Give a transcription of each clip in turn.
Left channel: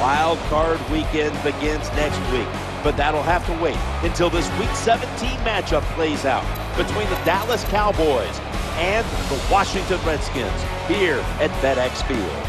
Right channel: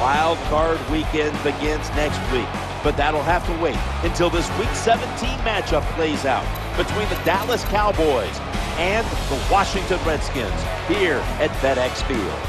Wild card weekend begins next week, but that'll have to wait until this Week 17 matchup plays out between the Dallas Cowboys and the Washington Redskins here at FedEx Field.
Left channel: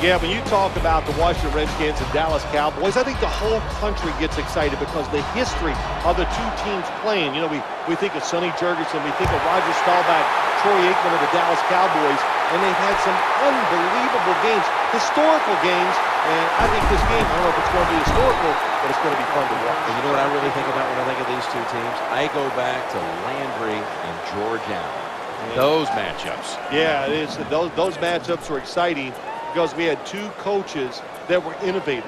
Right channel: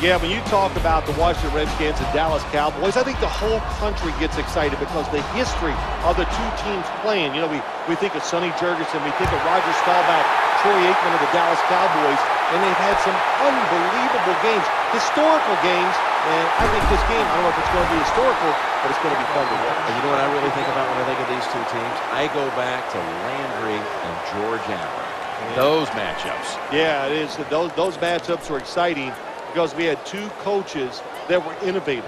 Yeah, when you talk about the Washington Redskins and Dallas Cowboys, I think the whole country gets excited because the history of the two teams playing. You know, we think of Sonny Jurgensen, we think of Roger Staubach, Troy Aikman of the Dallas Cowboys, and they've had some unbelievable games, historical games, and I think this game, I don't know if it's going to be historical, but it's going to be fun to watch. And you know what I really think about when I think of these two teams? I go back to Landry and George Allen. Yeah. Those matchups. Yeah, it is. Those matchups are exciting because we had two coaches that were innovators,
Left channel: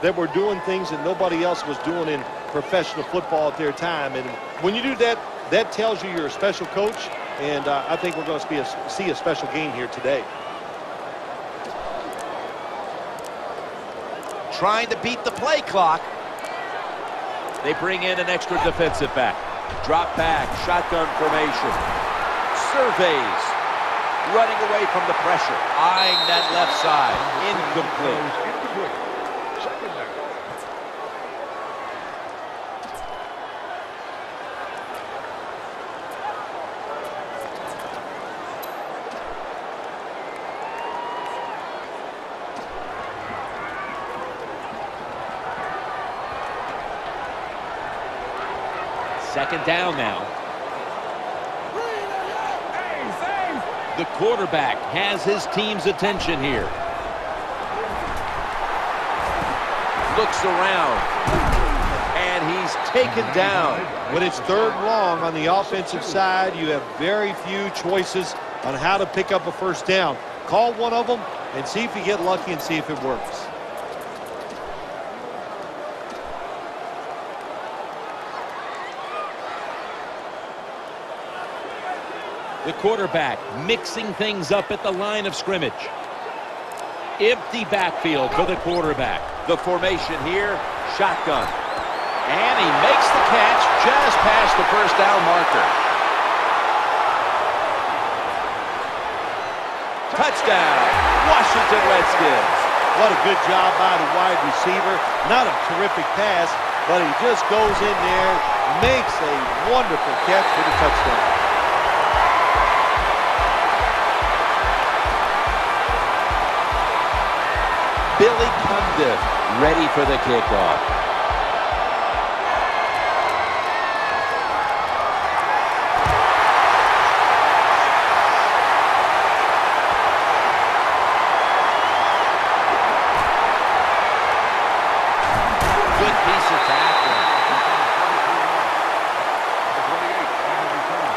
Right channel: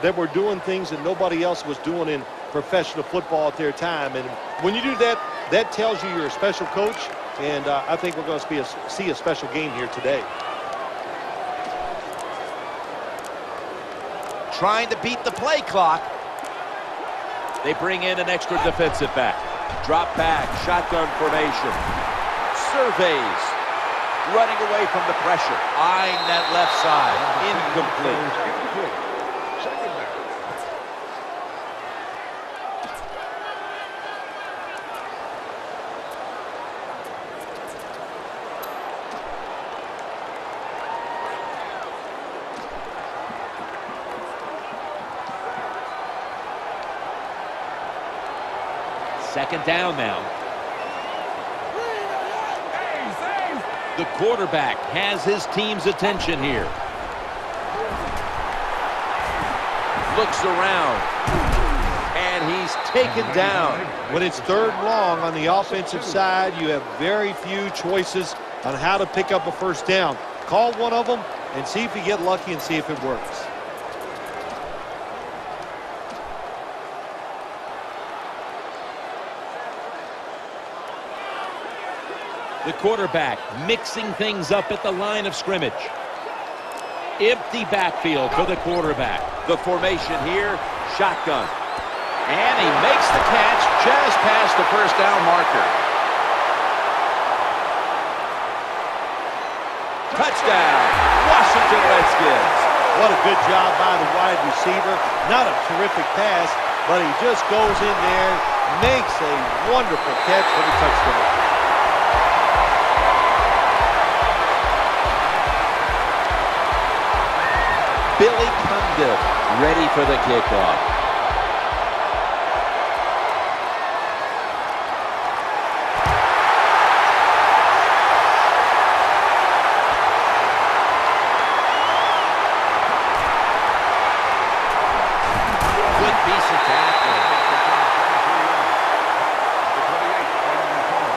that were doing things that nobody else was doing in professional football at their time. And when you do that, that tells you you're a special coach, and I think we're going to see a special game here today. Trying to beat the play clock. They bring in an extra defensive back. Drop back, shotgun formation. Surveys. Running away from the pressure. Eyeing that left side. Incomplete. Incomplete. Second down. Second down now. The quarterback has his team's attention here. Looks around. And he's taken down. When it's third and long on the offensive side, you have very few choices on how to pick up a first down. Call one of them and see if you get lucky and see if it works. The quarterback mixing things up at the line of scrimmage. Empty backfield for the quarterback. The formation here, shotgun. And he makes the catch just past the first down marker. Touchdown, Washington Redskins. What a good job by the wide receiver. Not a terrific pass, but he just goes in there, makes a wonderful catch for the touchdown. Billy Cundiff ready for the kickoff. Good piece of tackling. Number 28 on the return.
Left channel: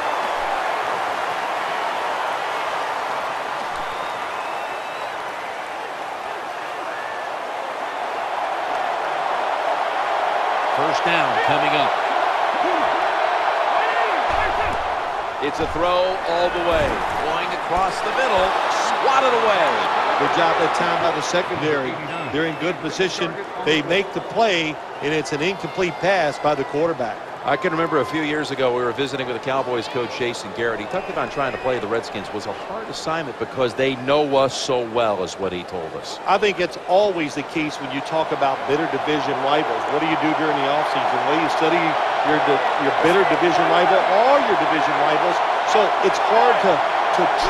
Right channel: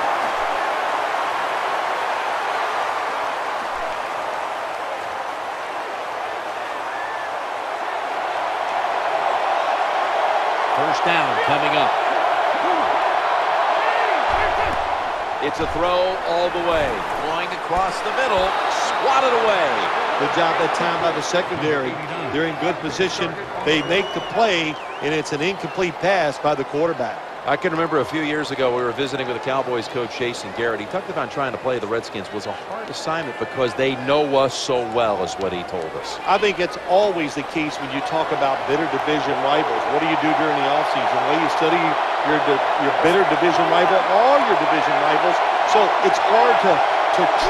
First down coming up. It's a throw all the way. Going across the middle. Swatted away. Good job that time by the secondary. They're in good position. They make the play, and it's an incomplete pass by the quarterback. I can remember a few years ago we were visiting with the Cowboys coach Jason Garrett. He talked about trying to play the Redskins was a hard assignment because they know us so well, is what he told us. I think it's always the case when you talk about bitter division rivals. What do you do during the offseason? Well, you study your bitter division rival, all your division rivals. So it's hard to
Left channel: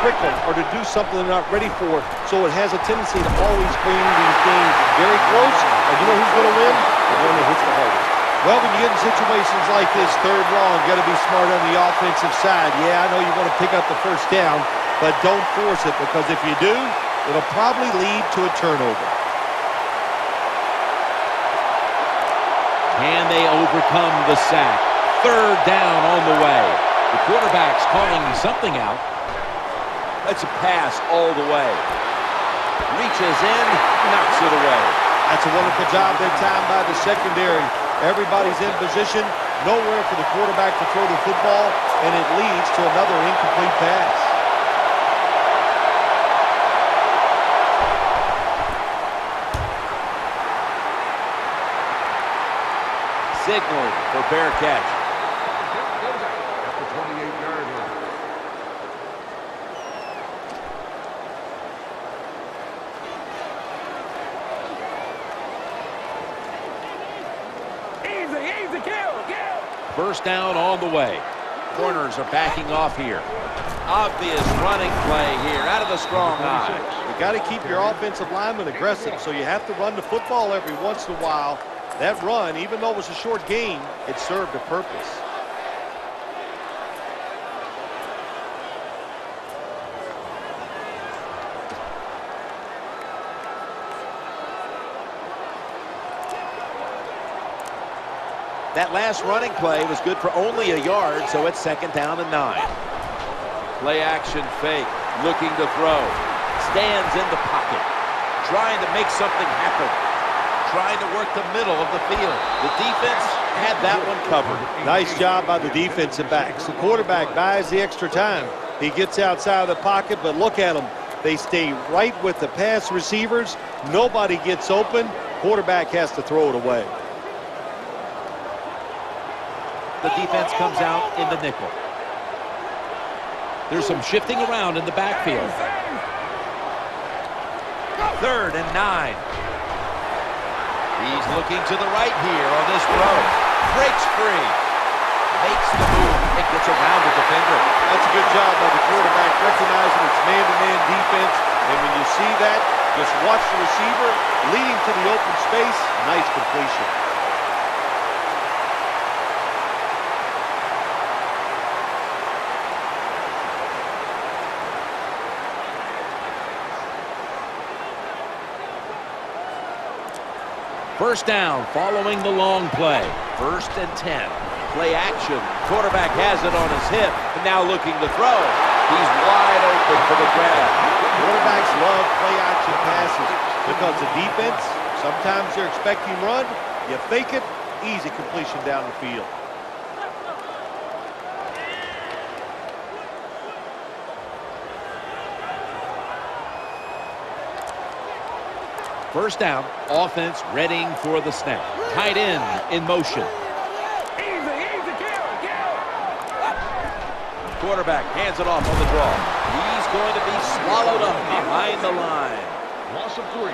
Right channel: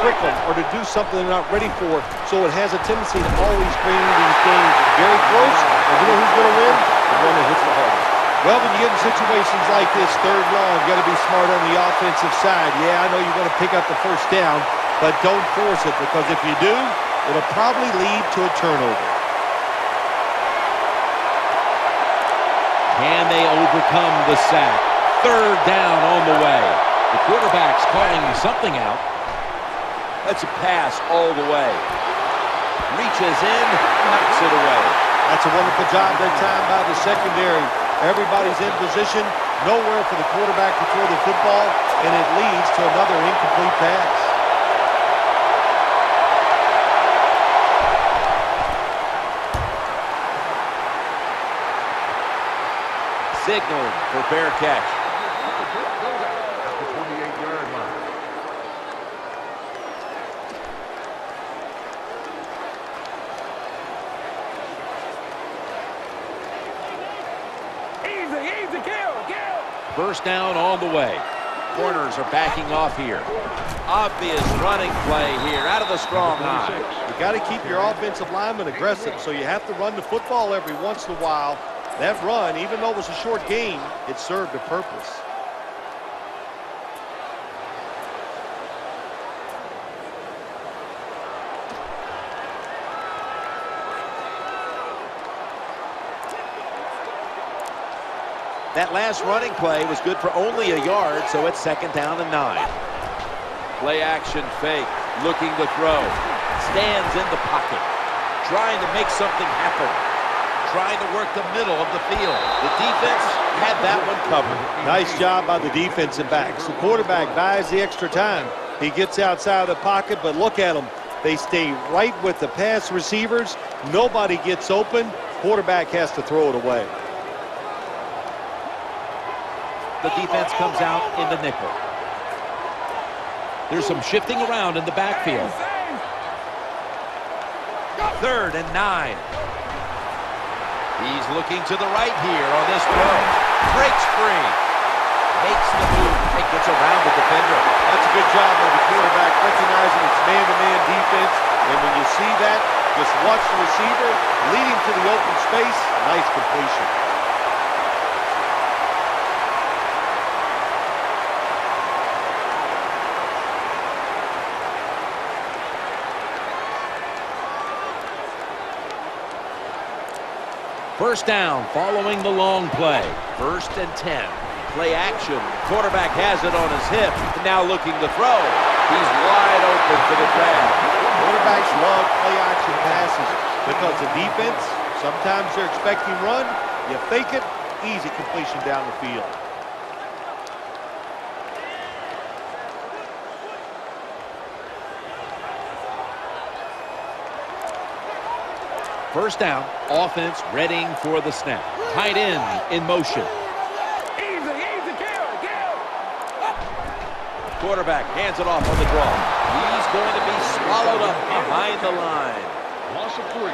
trick them or to do something they're not ready for. So it has a tendency to always bring these games very close. And you know who's going to win? The one that hits the hardest. Well, when you get in situations like this, third long, you got to be smart on the offensive side. Yeah, I know you want to pick up the first down, but don't force it, because if you do, it'll probably lead to a turnover. Can they overcome the sack? Third down on the way. The quarterback's calling something out. That's a pass all the way. Reaches in, knocks it away. That's a wonderful job that time by the secondary. Everybody's in position, nowhere for the quarterback to throw the football, and it leads to another incomplete pass. Signaling for fair catch. The tip goes out at the 28-yard line. First down on the way. Corners are backing off here. Obvious running play here out of the strong eye. You got to keep your offensive linemen aggressive, so you have to run the football every once in a while. That run, even though it was a short gain, it served a purpose. That last running play was good for only a yard, so it's 2nd down and 9. Play action fake, looking to throw. Stands in the pocket, trying to make something happen. Trying to work the middle of the field. The defense had that one covered. Nice job by the defensive backs. The quarterback buys the extra time. He gets outside of the pocket, but look at them. They stay right with the pass receivers. Nobody gets open. Quarterback has to throw it away. The defense comes out in the nickel. There's some shifting around in the backfield. 3rd and 9. He's looking to the right here on this throw. Breaks free. Makes the move and gets around the defender. That's a good job by the quarterback, recognizing it's man-to-man defense. And when you see that, just watch the receiver, lead him to the open space. Nice completion. First down following the long play. 1st and 10. Play action. Quarterback has it on his hip. And now looking to throw. He's wide open for the grab. Quarterbacks love play action passes because the defense, sometimes they're expecting run. You fake it, easy completion down the field. First down, offense readying for the snap. Tight end in motion. Quarterback hands it off on the draw. He's going to be swallowed up behind the line. Loss of 3.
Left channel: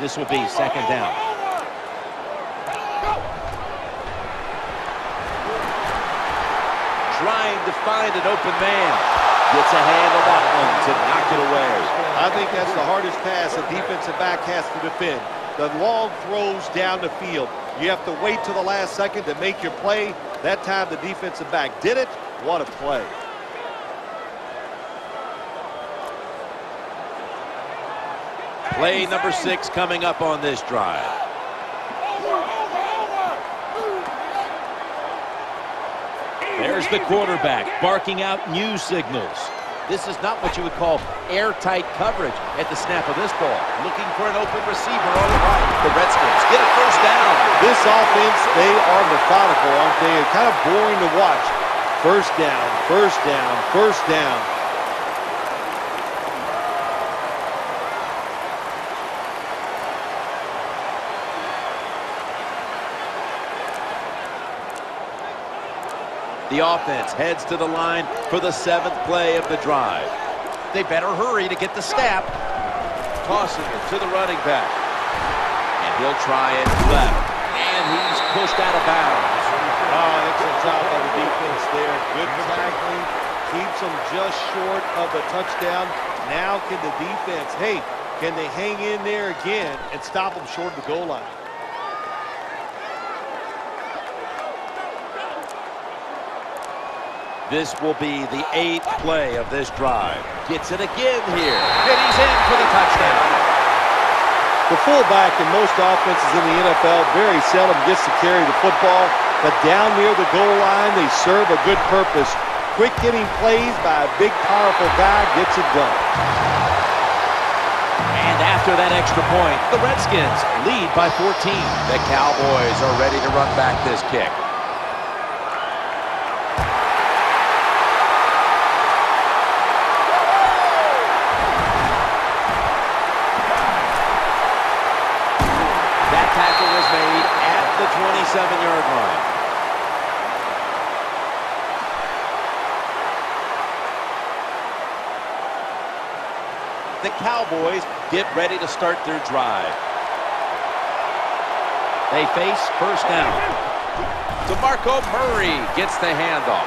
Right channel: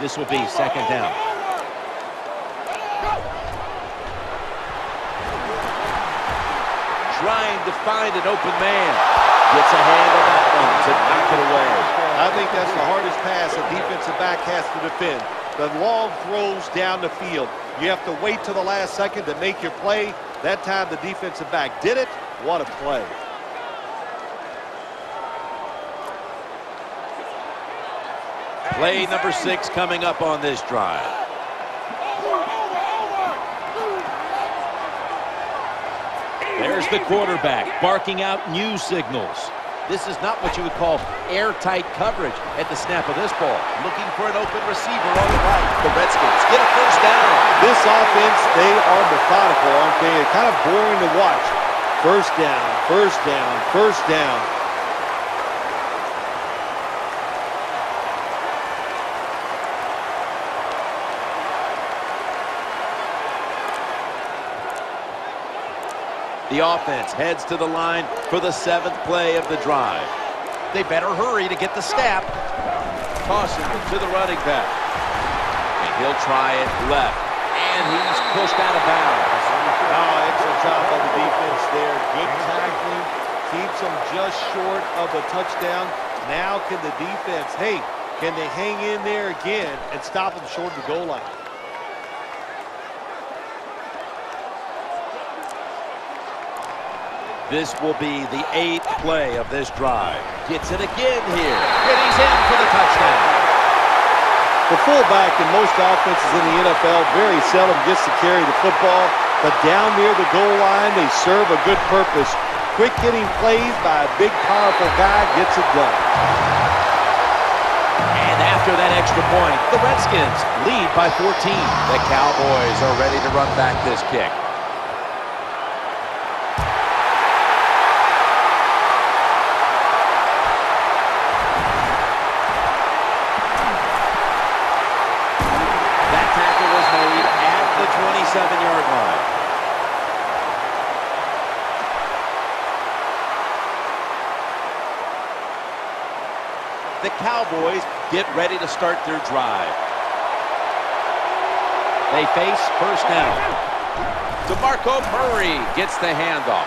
This will be 2nd down. Trying to find an open man. Gets a hand on that one to knock it away. I think that's the hardest pass a defensive back has to defend. The long throws down the field. You have to wait till the last second to make your play. That time the defensive back did it. What a play. Play number 6 coming up on this drive. There's the quarterback barking out new signals. This is not what you would call airtight coverage at the snap of this ball. Looking for an open receiver on the right. The Redskins get a first down. This offense, they are methodical, aren't they? Kind of boring to watch. First down, first down, first down. The offense heads to the line for the 7th play of the drive. They better hurry to get the snap. Tossing it to the running back. And he'll try it left. And he's pushed out of bounds. Oh, excellent job by the defense there. Good tackling. Keeps them just short of the touchdown. Now can the defense, can they hang in there again and stop them short of the goal line? This will be the 8th play of this drive. Gets it again here. And he's in for the touchdown. The fullback in most offenses in the NFL very seldom gets to carry the football, but down near the goal line, they serve a good purpose. Quick hitting plays by a big, powerful guy gets it done. And after that extra point, the Redskins lead by 14. The Cowboys are ready to run back this kick. That tackle was made at the 27-yard line. The Cowboys get ready to start their drive. They face first down. DeMarco Murray gets the handoff.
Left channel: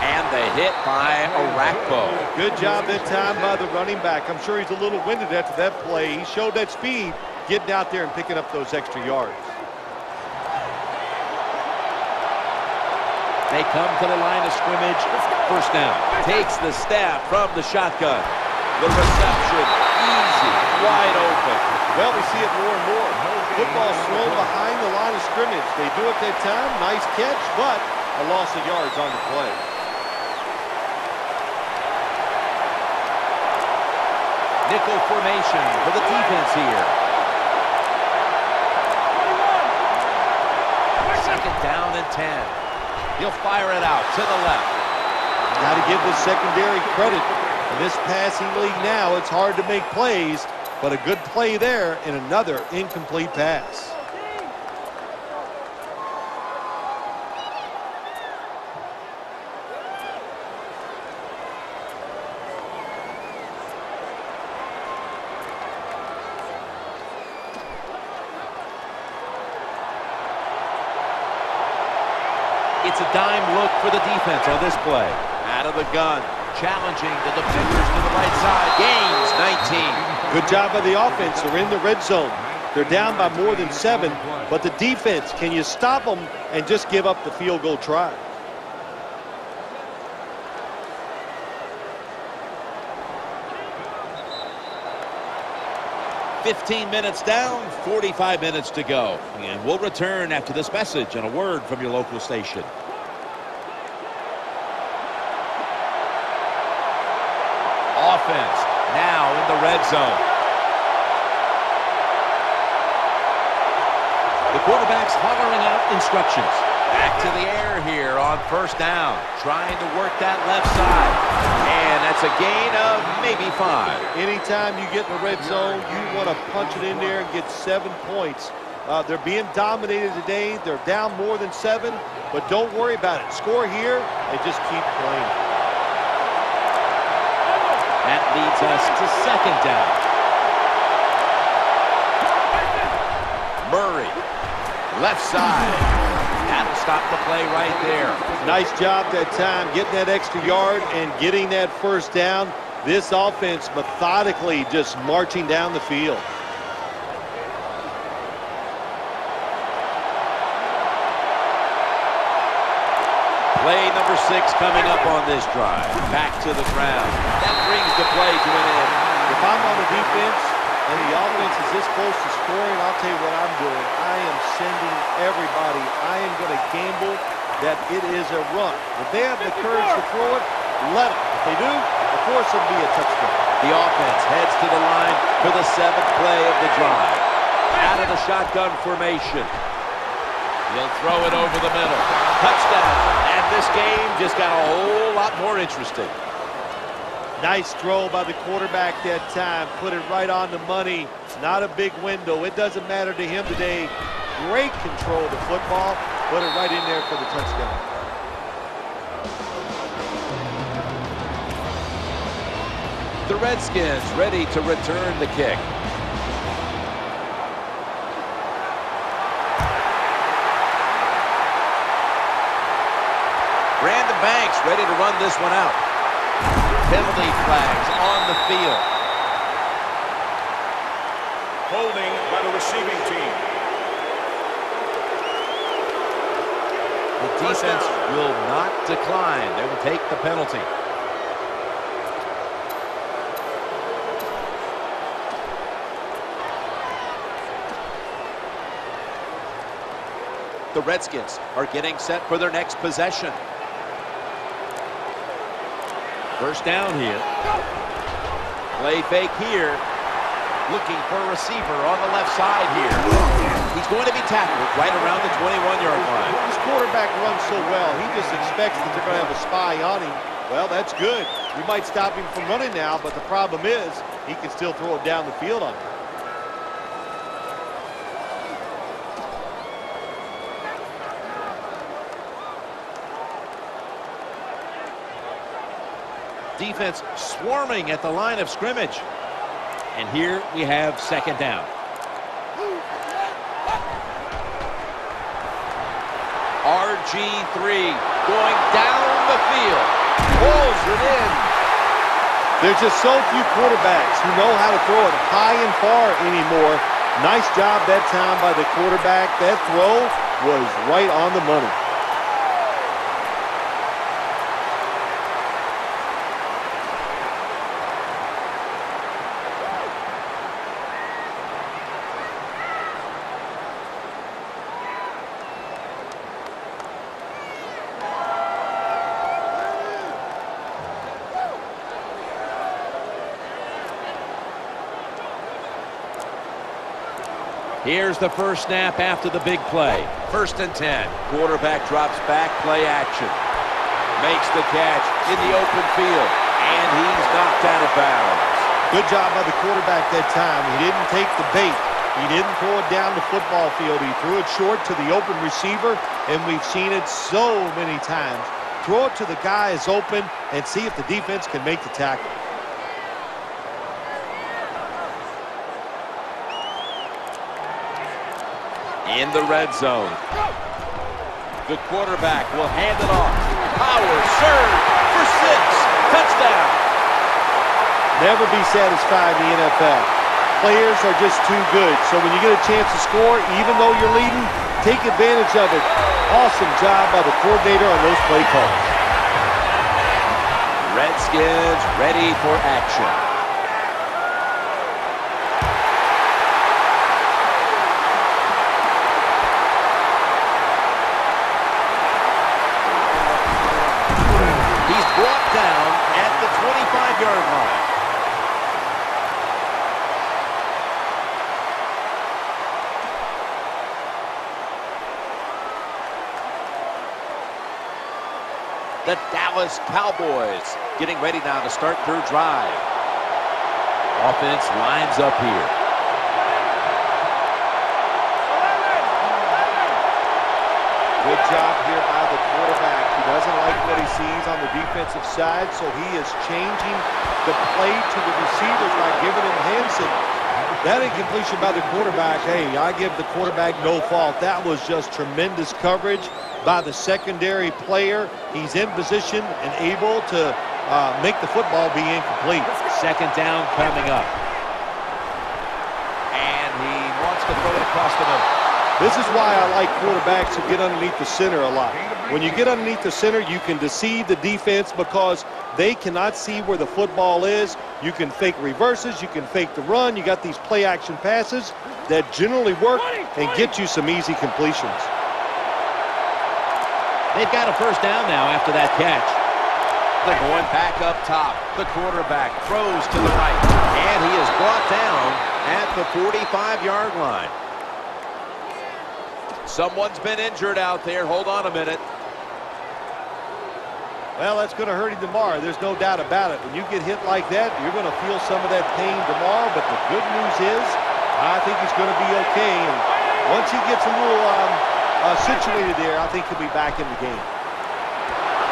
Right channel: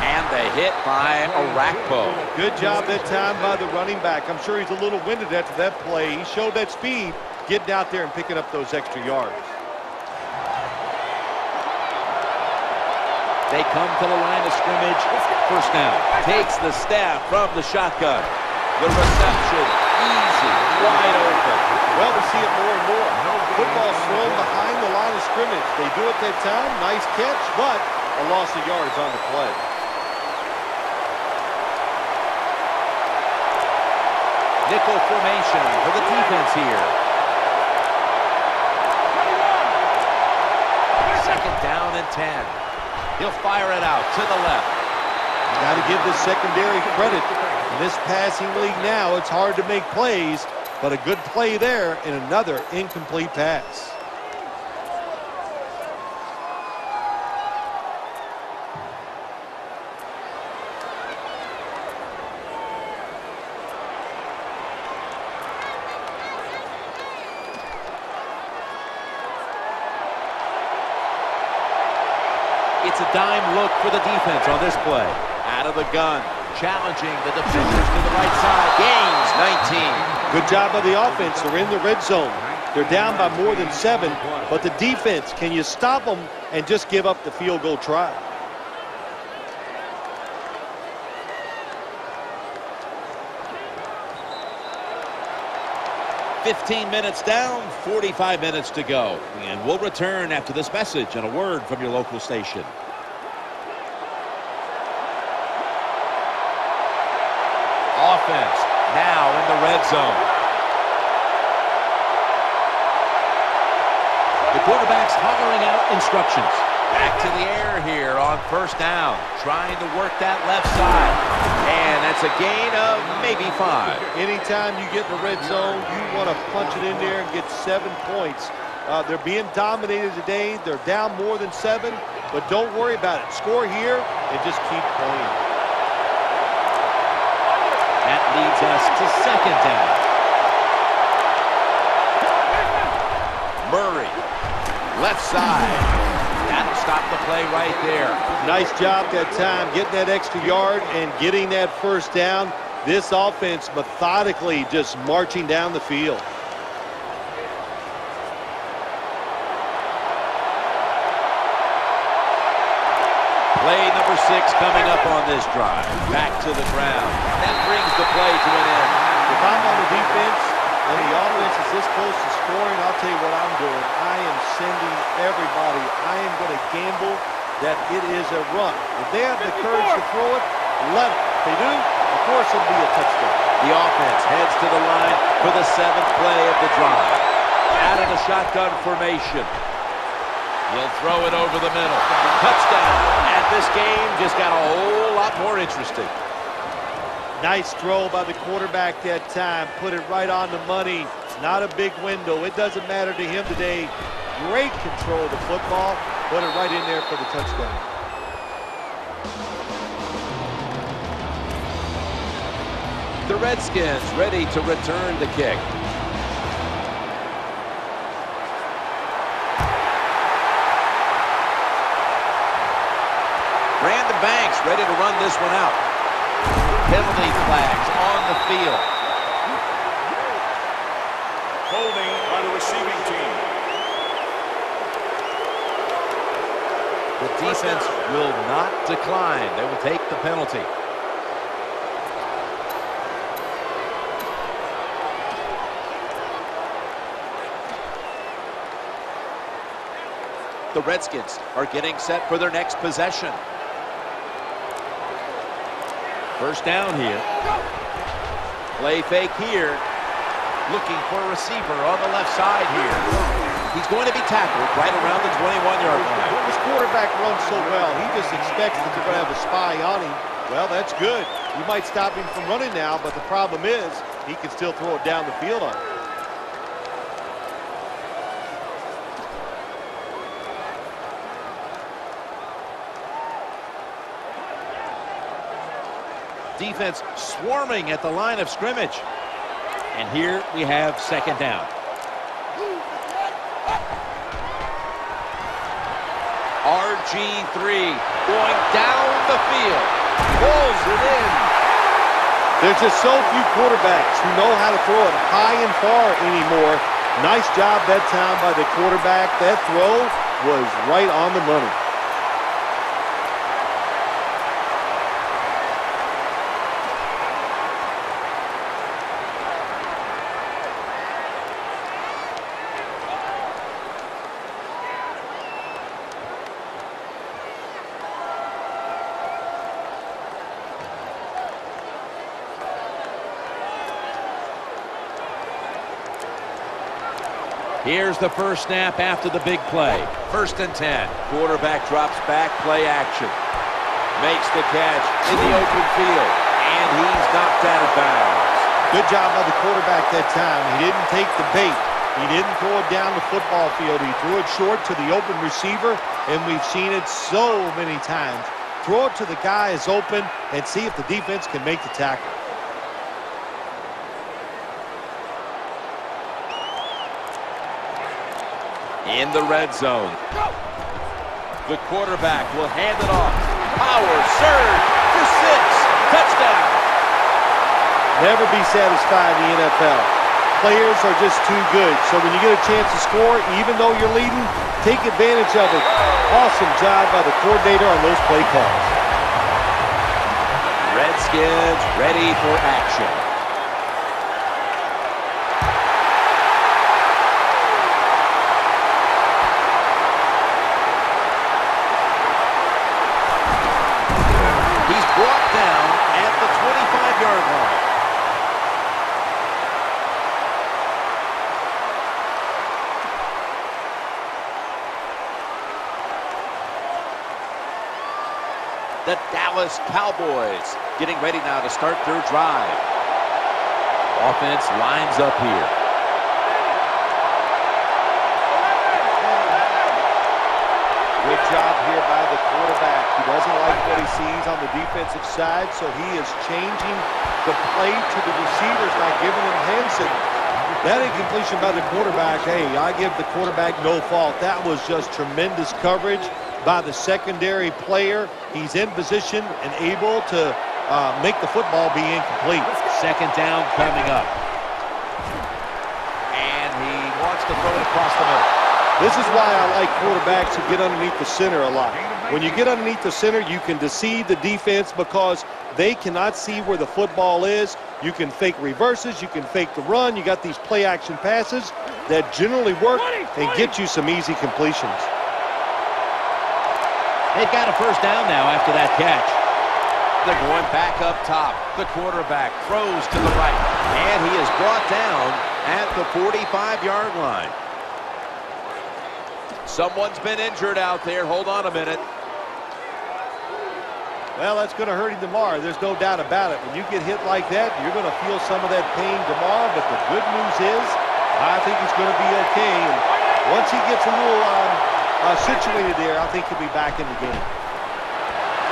And the hit by Arakpo. Good job that time by the running back. I'm sure he's a little winded after that play. He showed that speed, getting out there and picking up those extra yards. They come to the line of scrimmage. First down. Takes the snap from the shotgun. The reception, easy, wide open. Well, we see it more and more. Football's thrown behind the line of scrimmage. They do it that time. Nice catch, but a loss of yards on the play. Nickel formation for the defense here. 21. Second down and 10. He'll fire it out to the left. Got to give this secondary credit. In this passing league now, it's hard to make plays, but a good play there and another incomplete pass. It's a dime look for the defense on this play. Out of the gun, challenging the defenders to the right side. Gains 19. Good job by the offense. They're in the red zone. They're down by more than 7, but the defense, can you stop them and just give up the field goal try? "15 minutes down, 45 minutes to go. And we'll return after this message and a word from your local station. Offense now in the red zone. The quarterback's hollering out instructions. Back to the air here on first down. Trying to work that left side. And that's a gain of maybe 5. Anytime you get in the red zone, you want to punch it in there and get 7 points. They're being dominated today. They're down more than 7, but don't worry about it. Score here and just keep playing. That leads us to second down. Murray, left side. That'll stop the play right there. Nice job that time, getting that extra yard and getting that first down. This offense methodically just marching down the field. Play number 6 coming up on this drive. Back to the ground. That brings the play to an end. If I'm on the defense and the offense is this close to scoring, I'll tell you what I'm doing. I am sending everybody. I am going to gamble that it is a run. If they have the courage to throw it, let them. If they do, of course it'll be a touchdown. The offense heads to the line for the 7th play of the drive. Out of the shotgun formation. He'll throw it over the middle. Touchdown. And this game just got a whole lot more interesting. Nice throw by the quarterback that time. Put it right on the money. Not a big window. It doesn't matter to him today. Great control of the football. Put it right in there for the touchdown. The Redskins ready to return the kick. Brandon Banks ready to run this one out. Penalty flags on the field. The defense will not decline. They will take the penalty. The Redskins are getting set for their next possession. First down here. Play fake here. Looking for a receiver on the left side here. He's going to be tackled right around the 21-yard line. This quarterback runs so well. He just expects that they're going to have a spy on him. Well, that's good. You might stop him from running now, but the problem is he can still throw it down the field on you. Defense swarming at the line of scrimmage. And here we have second down. RG3 going down the field. Pulls it in. There's just so few quarterbacks who know how to throw it high and far anymore. Nice job that time by the quarterback. That throw was right on the money. Here's the first snap after the big play. 1st and 10. Quarterback drops back, play action. Makes the catch in the open field. And he's knocked out of bounds. Good job by the quarterback that time. He didn't take the bait. He didn't throw it down the football field. He threw it short to the open receiver, and we've seen it so many times. Throw it to the guy is open and see if the defense can make the tackle. In the red zone. The quarterback will hand it off. Power surge for 6. Touchdown. Never be satisfied in the NFL. Players are just too good. So when you get a chance to score, even though you're leading, take advantage of it. Awesome job by the coordinator on those play calls. Redskins ready for action. He's brought down at the 25-yard line. The Dallas Cowboys getting ready now to start their drive. Offense lines up here. Good job here by the quarterback. He doesn't like what he sees on the defensive side, so he is changing the play to the receivers by giving him hand signals. That incompletion by the quarterback, hey, I give the quarterback no fault. That was just tremendous coverage by the secondary player. He's in position and able to make the football be incomplete. Second down coming up. And he wants to throw it across the middle. This is why I like quarterbacks who get underneath the center a lot. When you get underneath the center, you can deceive the defense because they cannot see where the football is. You can fake reverses. You can fake the run. You got these play action passes that generally work and get you some easy completions. They've got a first down now after that catch. They're going back up top. The quarterback throws to the right. And he is brought down at the 45-yard line. Someone's been injured out there. Hold on a minute. Well, that's going to hurt him tomorrow. There's no doubt about it. When you get hit like that, you're going to feel some of that pain tomorrow. But the good news is, I think he's going to be okay. And once he gets a little situated there, I think he'll be back in the game.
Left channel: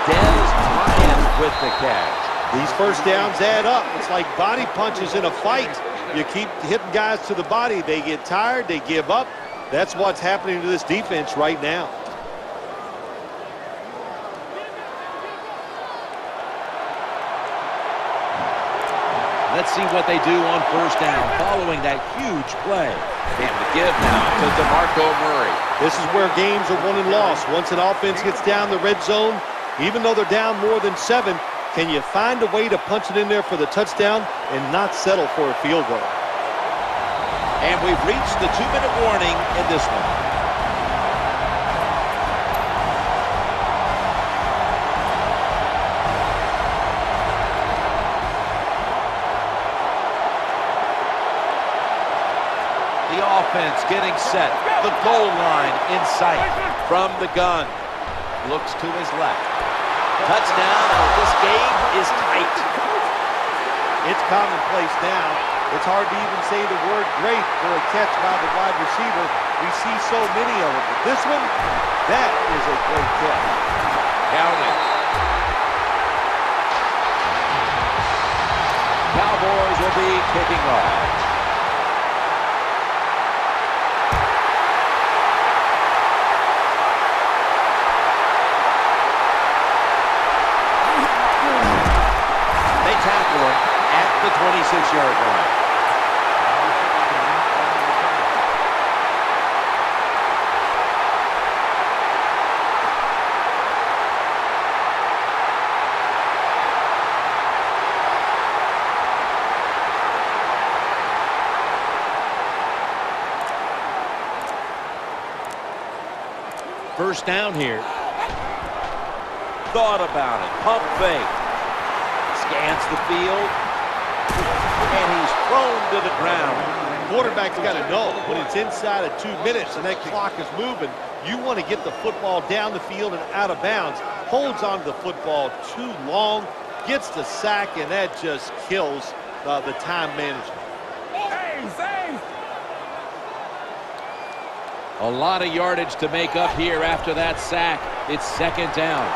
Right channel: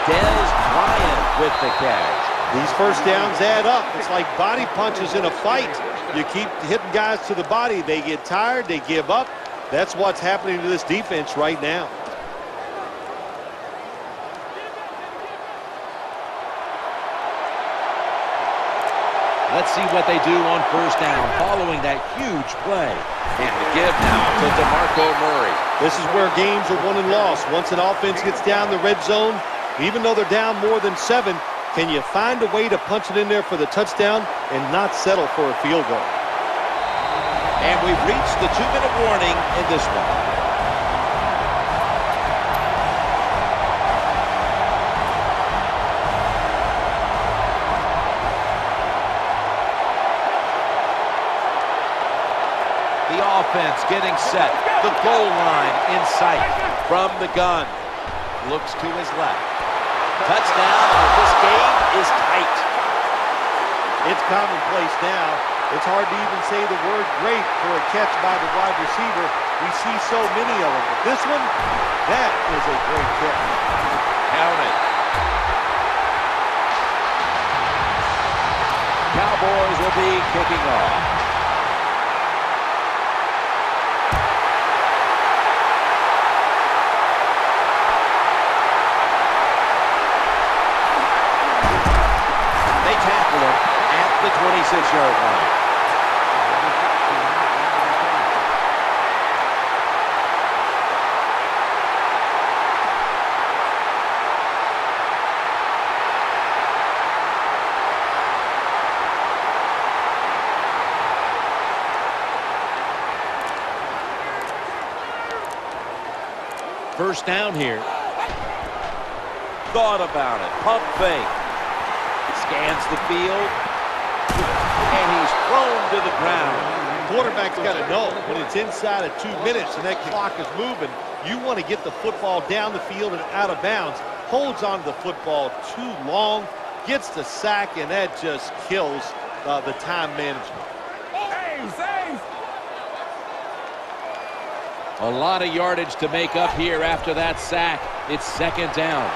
Dez Bryant with the catch. These first downs add up. It's like body punches in a fight. You keep hitting guys to the body. They get tired. They give up. That's what's happening to this defense right now. Let's see what they do on first down following that huge play. And the give now to DeMarco Murray. This is where games are won and lost. Once an offense gets down the red zone, even though they're down more than 7, can you find a way to punch it in there for the touchdown and not settle for a field goal? And we've reached the 2-minute warning in this one. The offense getting set. The goal line in sight from the gun. Looks to his left. Touchdown, and this game is tight. It's commonplace now. It's hard to even say the word great for a catch by the wide receiver. We see so many of them. But this one, that is a great catch. Count it. Cowboys will be kicking off. They tackle him at the 26-yard line. Number 16 on the return. First down here. Thought about it. Pump fake. Scans the field. And he's thrown to the ground. Quarterback's got to know when it's inside of 2 minutes and that clock is moving, you want to get the football down the field and out of bounds. Holds on to the football too long, gets the sack, and that just kills the time management. A lot of yardage to make up here after that sack. It's second down.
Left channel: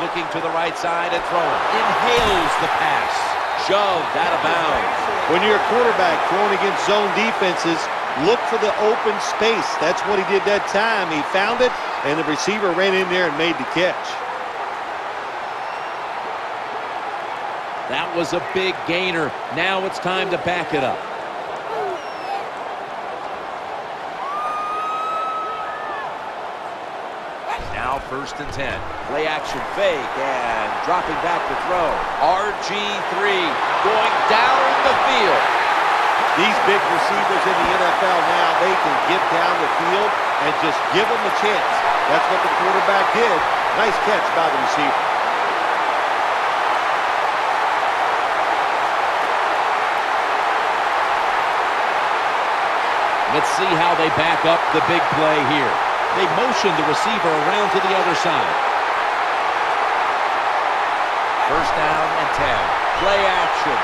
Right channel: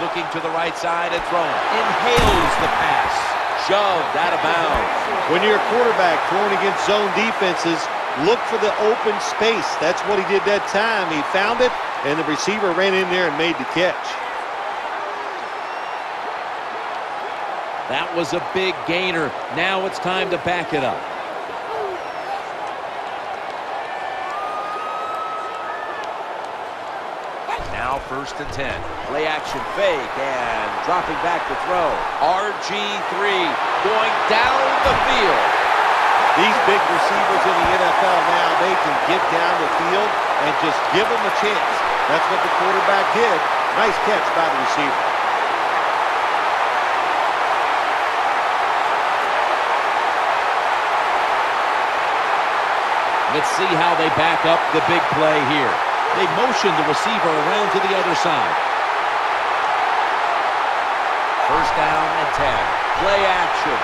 Looking to the right side and throwing. Inhales the pass. Shoved out of bounds. When you're a quarterback throwing against zone defenses, look for the open space. That's what he did that time. He found it, and the receiver ran in there and made the catch. That was a big gainer. Now it's time to back it up. Now first and 10. Play action fake and dropping back to throw. RG3 going down the field. These big receivers in the NFL now, they can get down the field and just give them a chance. That's what the quarterback did. Nice catch by the receiver. Let's see how they back up the big play here. They motion the receiver around to the other side. First down and 10. Play action.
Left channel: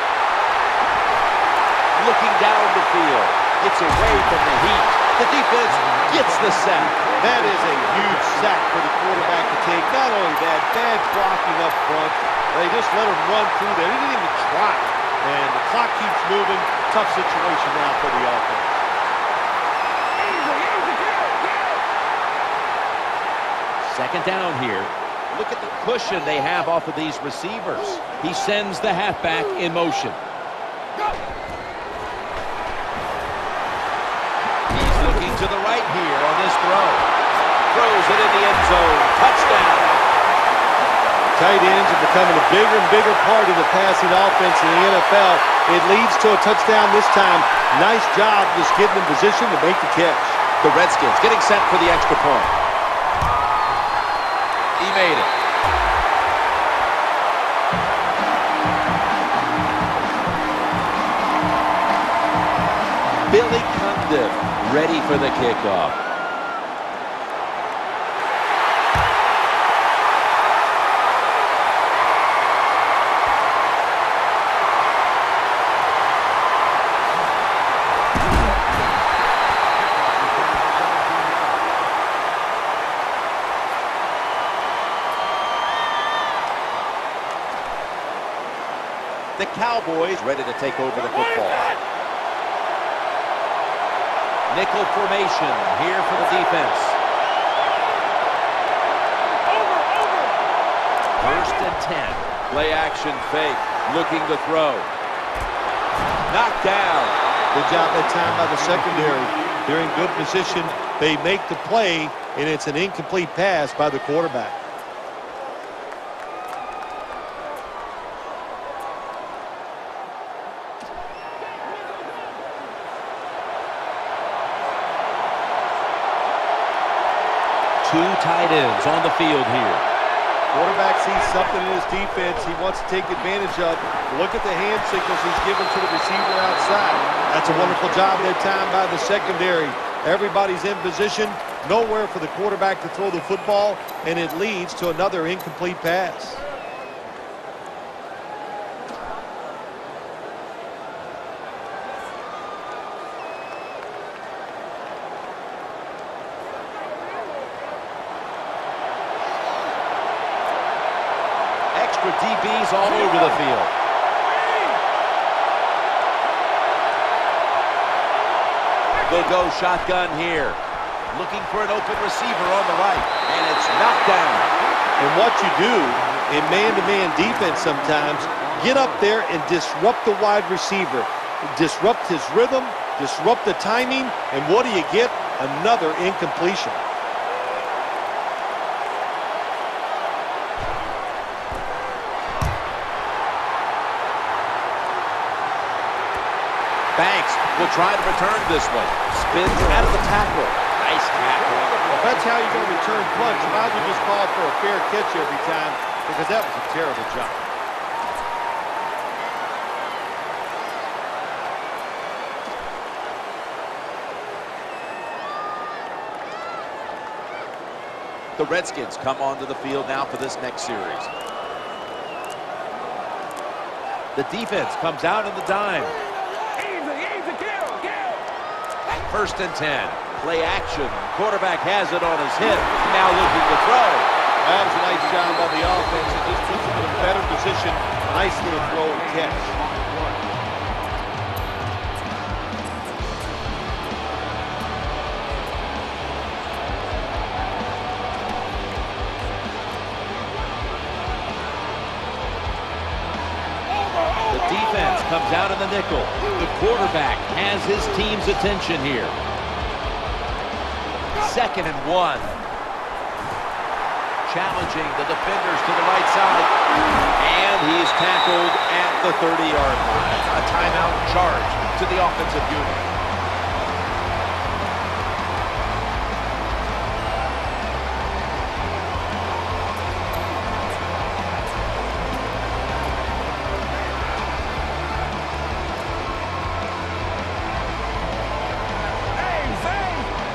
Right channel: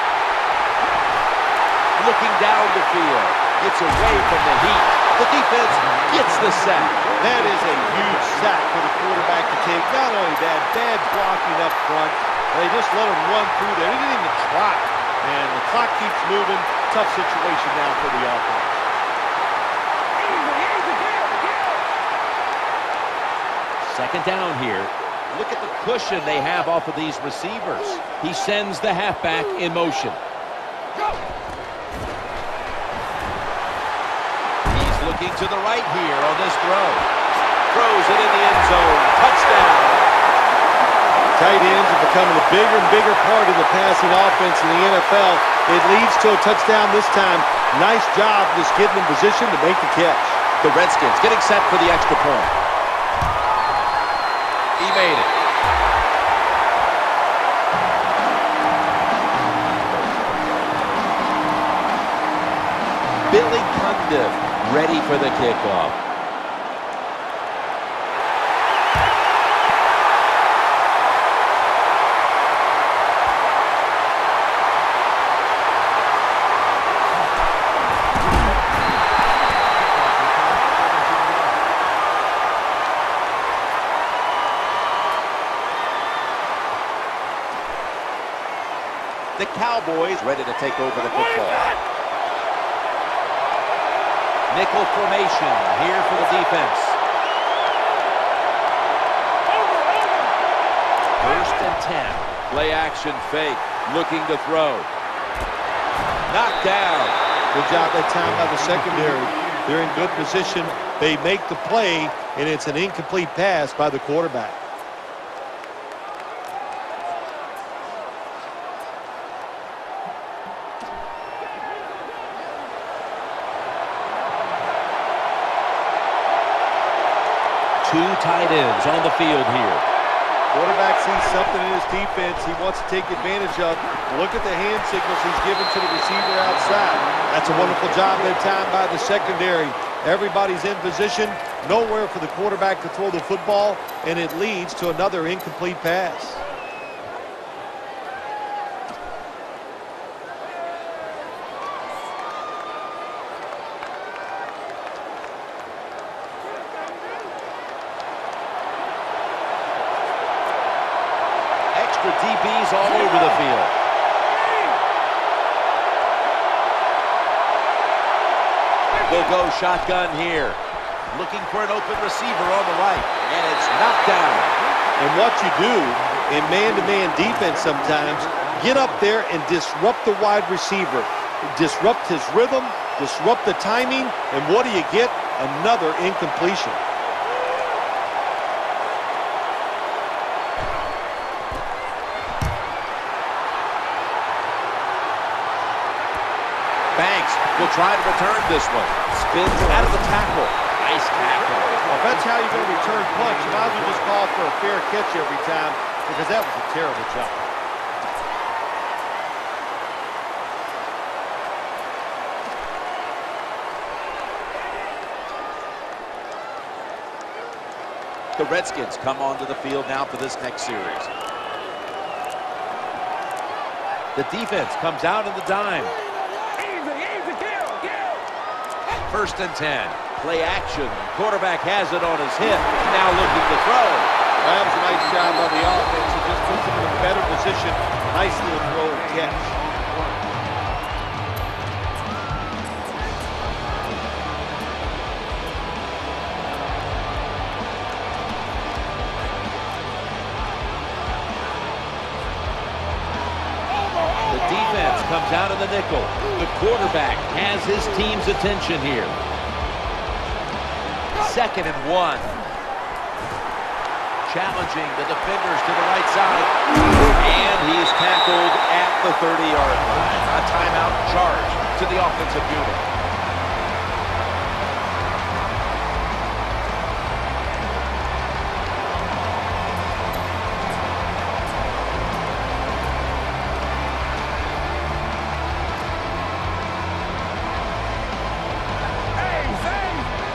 Looking down the field. Gets away from the heat. The defense gets the sack. That is a huge sack for the quarterback to take. Not only that, bad blocking up front. They just let him run through there. They didn't even try. And the clock keeps moving. Tough situation now for the offense. Second down here. Look at the cushion they have off of these receivers. He sends the halfback in motion. Go! He's looking to the right here on this throw. Throws it in the end zone. Touchdown. Tight ends are becoming a bigger and bigger part of the passing offense in the NFL. It leads to a touchdown this time. Nice job just getting in position to make the catch. The Redskins getting set for the extra point. He made it. Billy Cundiff ready for the kickoff. Kickoff return, 17 yards. The Cowboys ready to take over the football. Nickel formation here for the defense. First and 10. Play action fake. Looking to throw. Knocked down. Good job that time by the secondary. They're in good position. They make the play, and it's an incomplete pass by the quarterback. Two tight ends on the field here. Quarterback sees something in his defense he wants to take advantage of. Look at the hand signals he's given to the receiver outside. That's a wonderful job that time by the secondary. Everybody's in position. Nowhere for the quarterback to throw the football, and it leads to another incomplete pass. Extra DBs all over the field. They'll go shotgun here. Looking for an open receiver on the right. And it's knocked down. And what you do in man-to-man defense sometimes, get up there and disrupt the wide receiver. Disrupt his rhythm, disrupt the timing, and what do you get? Another incompletion. Banks will try to return this one. Spins out of the tackle. Nice tackle. Well, if that's how you're going to return punch, you might as well just call for a fair catch every time, because that was a terrible job. The Redskins come onto the field now for this next series. The defense comes out in the dime. Easy, kill. 1st and 10. Play action. Quarterback has it on his hip. Now looking to throw. Well, that was a nice job by the offense. It just puts them in a better position. Nice little throw and catch. On the play. The defense comes out in the nickel. The quarterback has his team's attention here. 2nd and 1. Challenging the defenders to the right side. And he's tackled at the 30-yard line. A timeout charge to the offensive unit.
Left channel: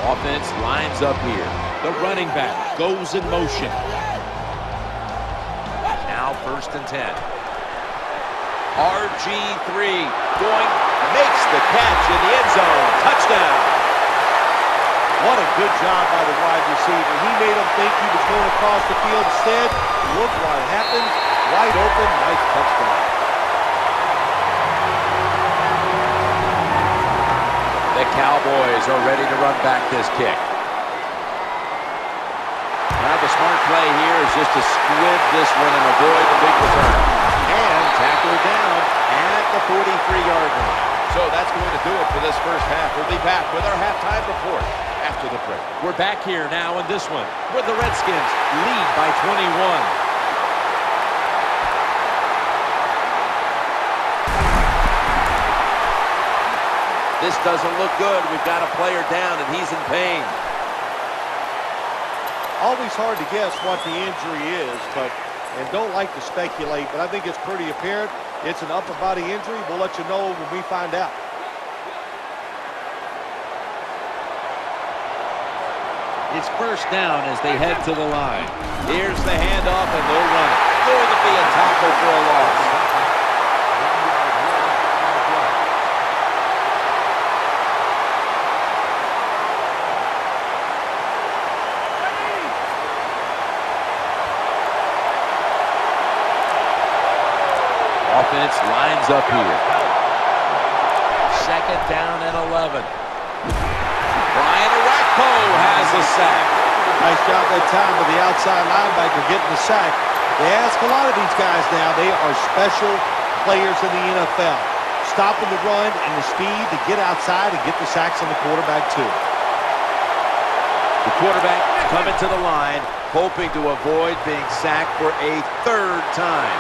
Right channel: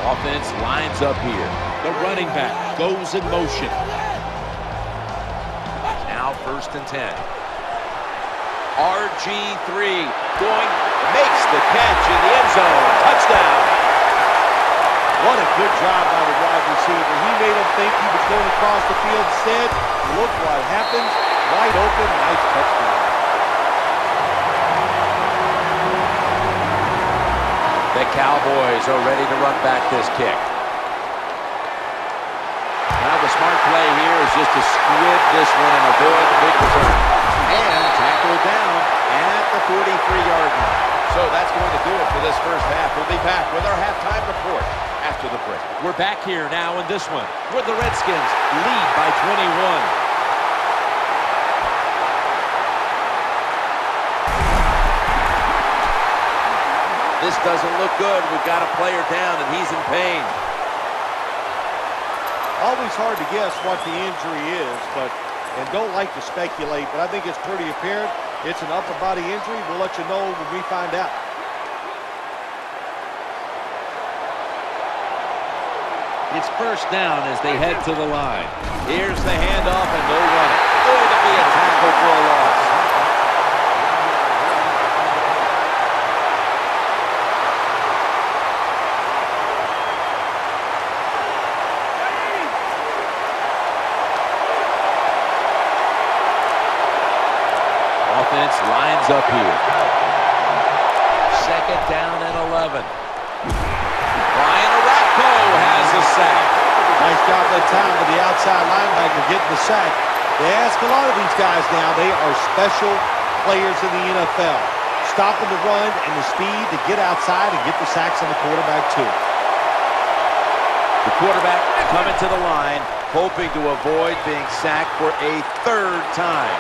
Offense lines up here. The running back goes in motion. Now 1st and 10. RG3 makes the catch in the end zone. Touchdown. What a good job by the wide receiver. He made him think he was going across the field instead. Look what happens. Wide open. Nice touchdown. The Cowboys are ready to run back this kick. Well, the smart play here is just to squib this one and avoid the big return. And tackled down at the 43-yard line. So that's going to do it for this first half. We'll be back with our halftime report after the break. We're back here now in this one, where the Redskins lead by 21. This doesn't look good. We've got a player down, and he's in pain. Always hard to guess what the injury is, and don't like to speculate, but I think it's pretty apparent. It's an upper body injury. We'll let you know when we find out. It's 1st down as they head to the line. Here's the handoff, and they'll run it. Going to be a tackle for a loss. 1 yard loss on the play. Offense lines up here. 2nd down and 11. Brian Arakpo has the sack. Nice job that time to the outside linebacker getting the sack. They ask a lot of these guys now. They are special players in the NFL. Stopping the run and the speed to get outside and get the sacks on the quarterback too. The quarterback coming to the line, hoping to avoid being sacked for a 3rd time.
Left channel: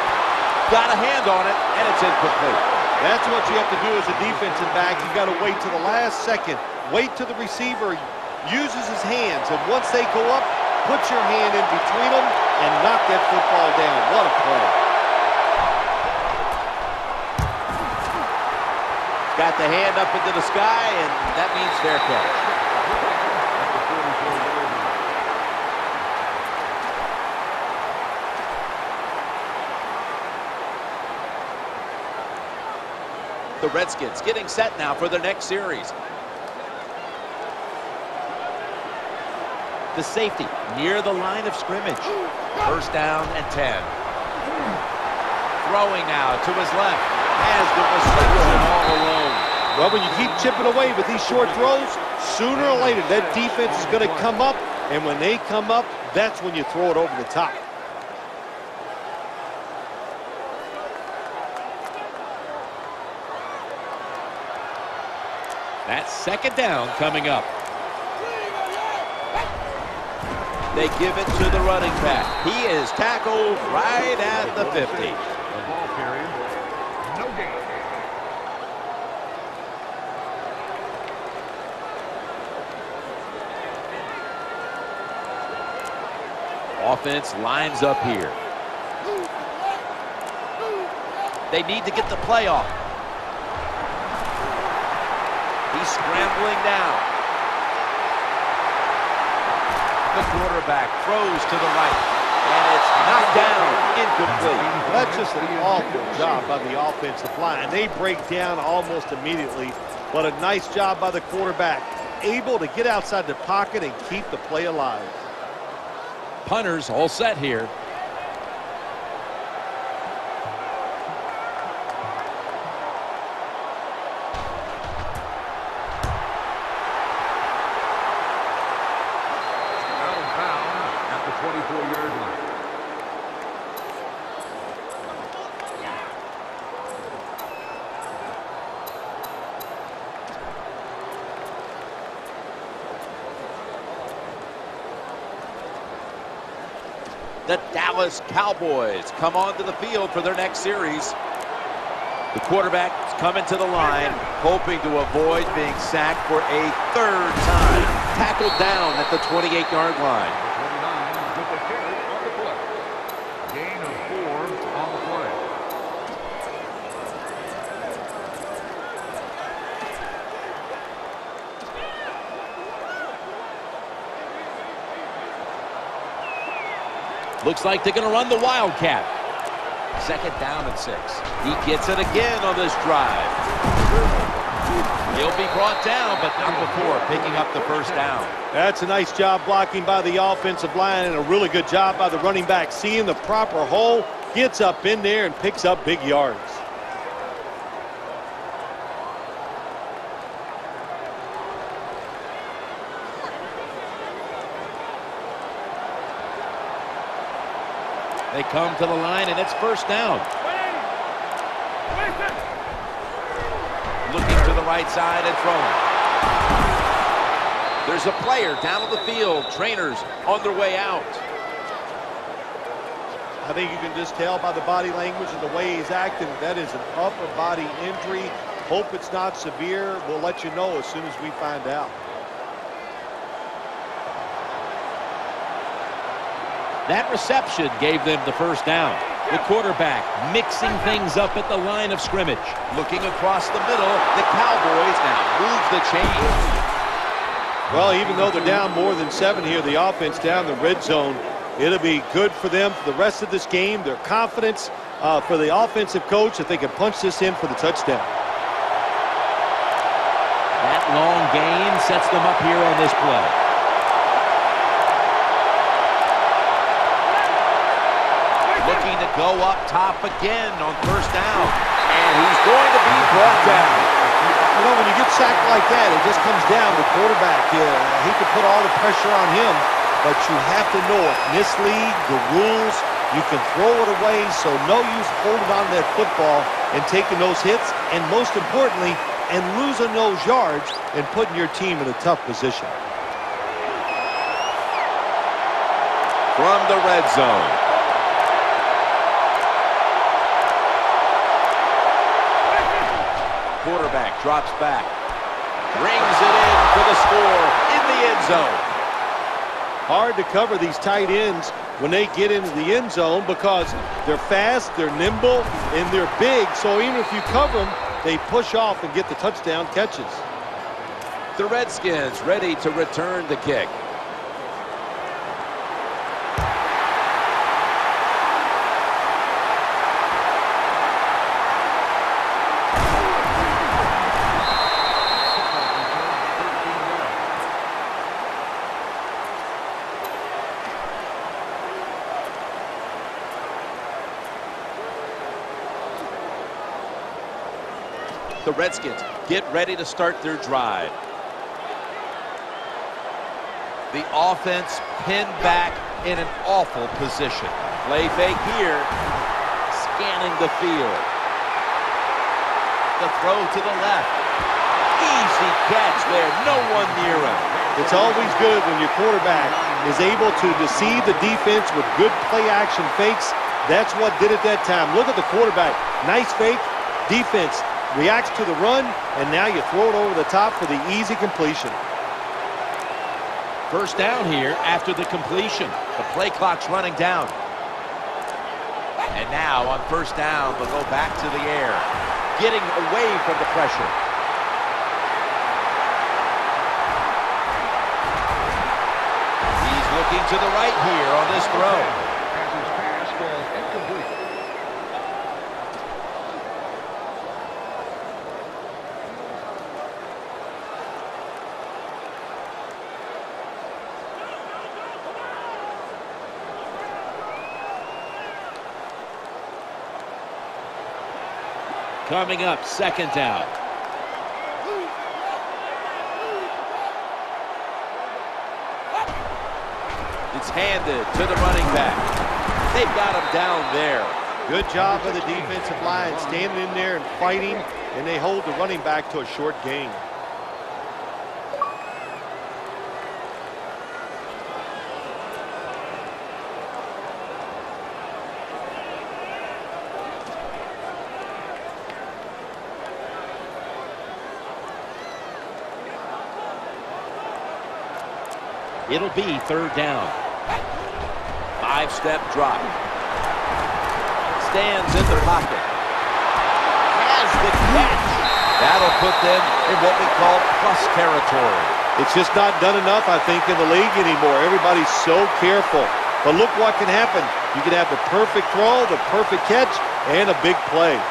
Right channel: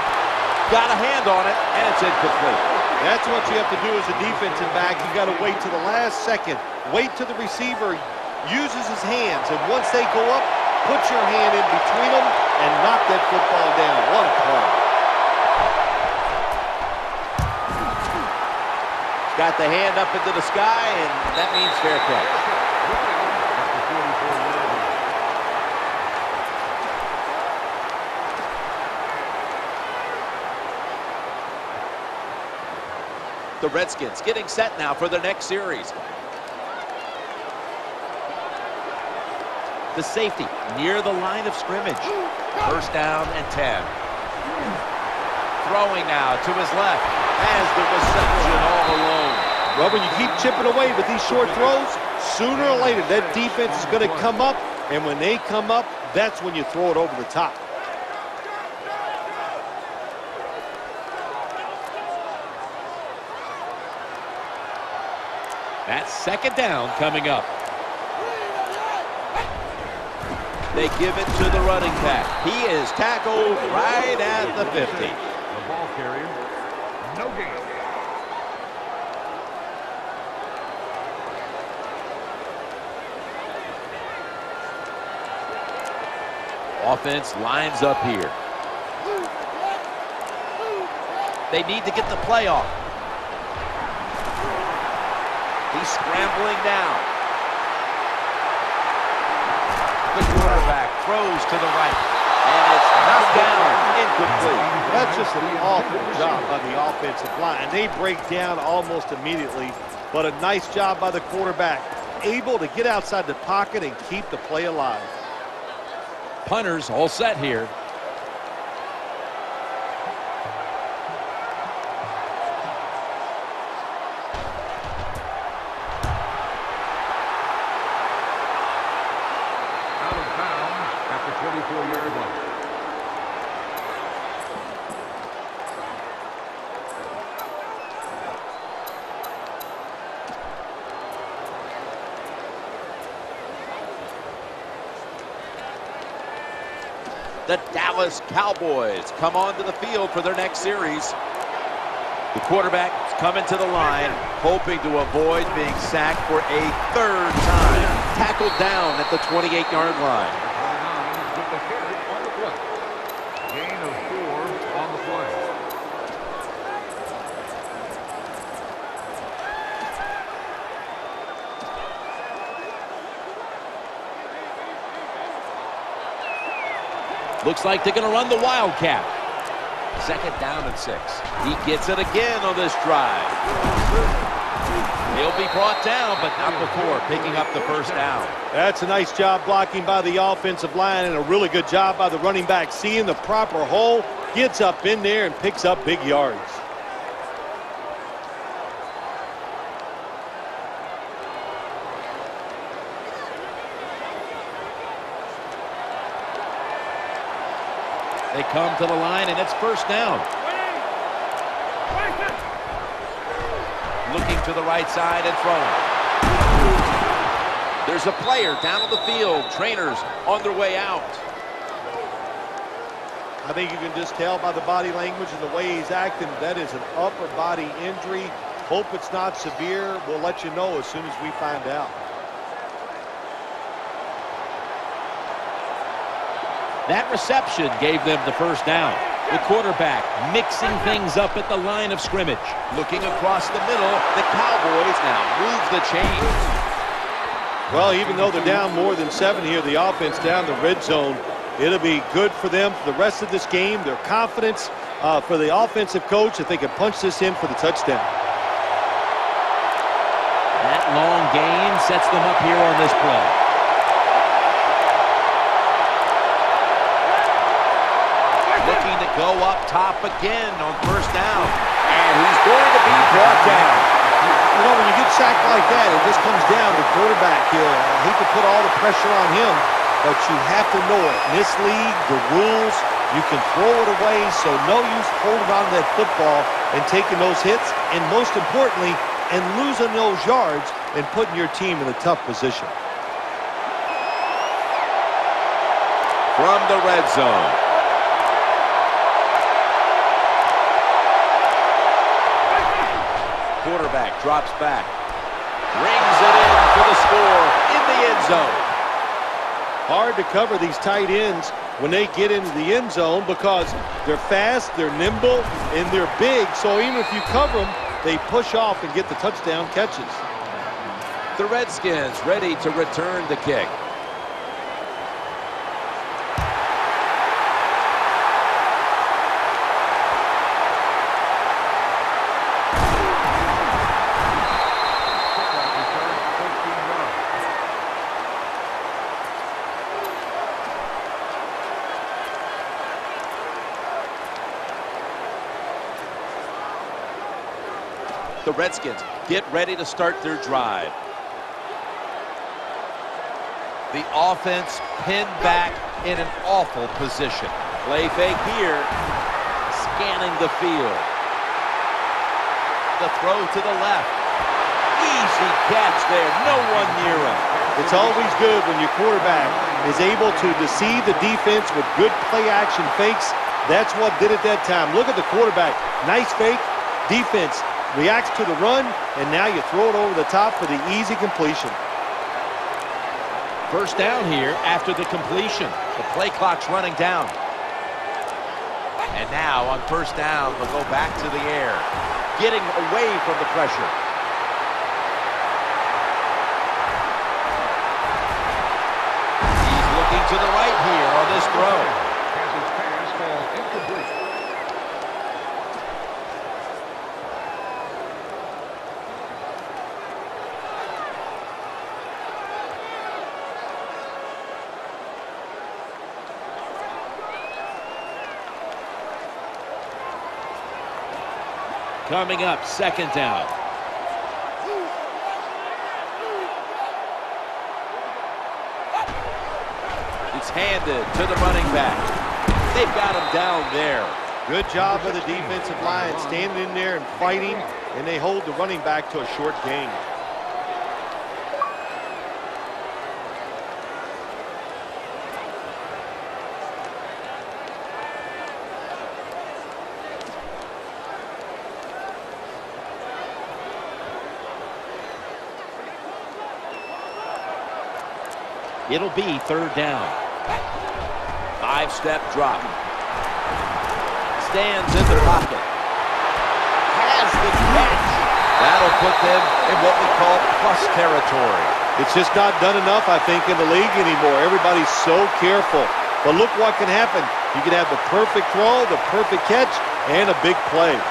Got a hand on it, and it's incomplete. That's what you have to do as a defensive back. You got to wait to the last second. Wait till the receiver uses his hands, and once they go up, put your hand in between them and knock that football down. What a play. Got the hand up into the sky, and that means fair catch. At the 44-yard line. The Redskins getting set now for their next series. The safety near the line of scrimmage. 1st down and 10. Throwing now to his left. Has the reception all alone. Well, when you keep chipping away with these short throws, sooner or later that defense is going to come up, and when they come up, that's when you throw it over the top. That's second down coming up. They give it to the running back. He is tackled right at the 50. The ball carrier, no gain. Offense lines up here. They need to get the play off. He's scrambling now. The quarterback throws to the right, and it's knocked down, incomplete. Well, that's just an awful job by the offensive line. They break down almost immediately, but a nice job by the quarterback, able to get outside the pocket and keep the play alive. Punters all set here. Out of bounds at the 24-yard line. The Dallas Cowboys come onto the field for their next series. The quarterback's coming to the line, hoping to avoid being sacked for a third time. Tackled down at the 28-yard line. Number 29 with the carry on the play. Gain of 4 on the play. Looks like they're going to run the Wildcat. Second down and 6. He gets it again on this drive. He'll be brought down, but not before picking up the first down. That's a nice job blocking by the offensive line and a really good job by the running back. Seeing the proper hole, gets up in there and picks up big yards. They come to the line, and it's first down. Looking to the right side and throwing. There's a player down on the field. Trainers on their way out. I think you can just tell by the body language and the way he's acting, that is an upper body injury. Hope it's not severe. We'll let you know as soon as we find out. That reception gave them the first down. The quarterback mixing things up at the line of scrimmage. Looking across the middle, the Cowboys now move the chains. Well, even though they're down more than 7 here, the offense down the red zone, it'll be good for them for the rest of this game. Their confidence for the offensive coach that they can punch this in for the touchdown. That long gain sets them up here on this play. Looking to go up top again on first down. And he's going to be brought down. You know, when you get sacked like that, it just comes down to the quarterback. I hate to put all the pressure on him, but you have to know it. In this league, the rules, you can throw it away, so no use holding on to that football and taking those hits, and most importantly, and losing those yards and putting your team in a tough position. From the red zone. Quarterback drops back, brings it in for the score in the end zone. Hard to cover these tight ends when they get into the end zone because they're fast, they're nimble, and they're big. So even if you cover them, they push off and get the touchdown catches. The Redskins ready to return the kick. The Redskins get ready to start their drive. The offense pinned back in an awful position. Play fake here. Scanning the field. The throw to the left. Easy catch there. No one near him. It's always good when your quarterback is able to deceive the defense with good play-action fakes. That's what did it that time. Look at the quarterback. Nice fake. Defense reacts to the run, and now you throw it over the top for the easy completion. First down here after the completion. The play clock's running down. And now on first down, they'll go back to the air, getting away from the pressure. He's looking to the right here on this throw. Has his pass fall incomplete. Coming up, second down. It's handed to the running back. They've got him down there. Good job of the defensive line standing in there and fighting, and they hold the running back to a short gain. It'll be third down. 5-step drop. Stands in the pocket. Has the catch. That'll put them in what we call plus territory. It's just not done enough, I think, in the league anymore. Everybody's so careful. But look what can happen. You can have the perfect throw, the perfect catch, and a big play.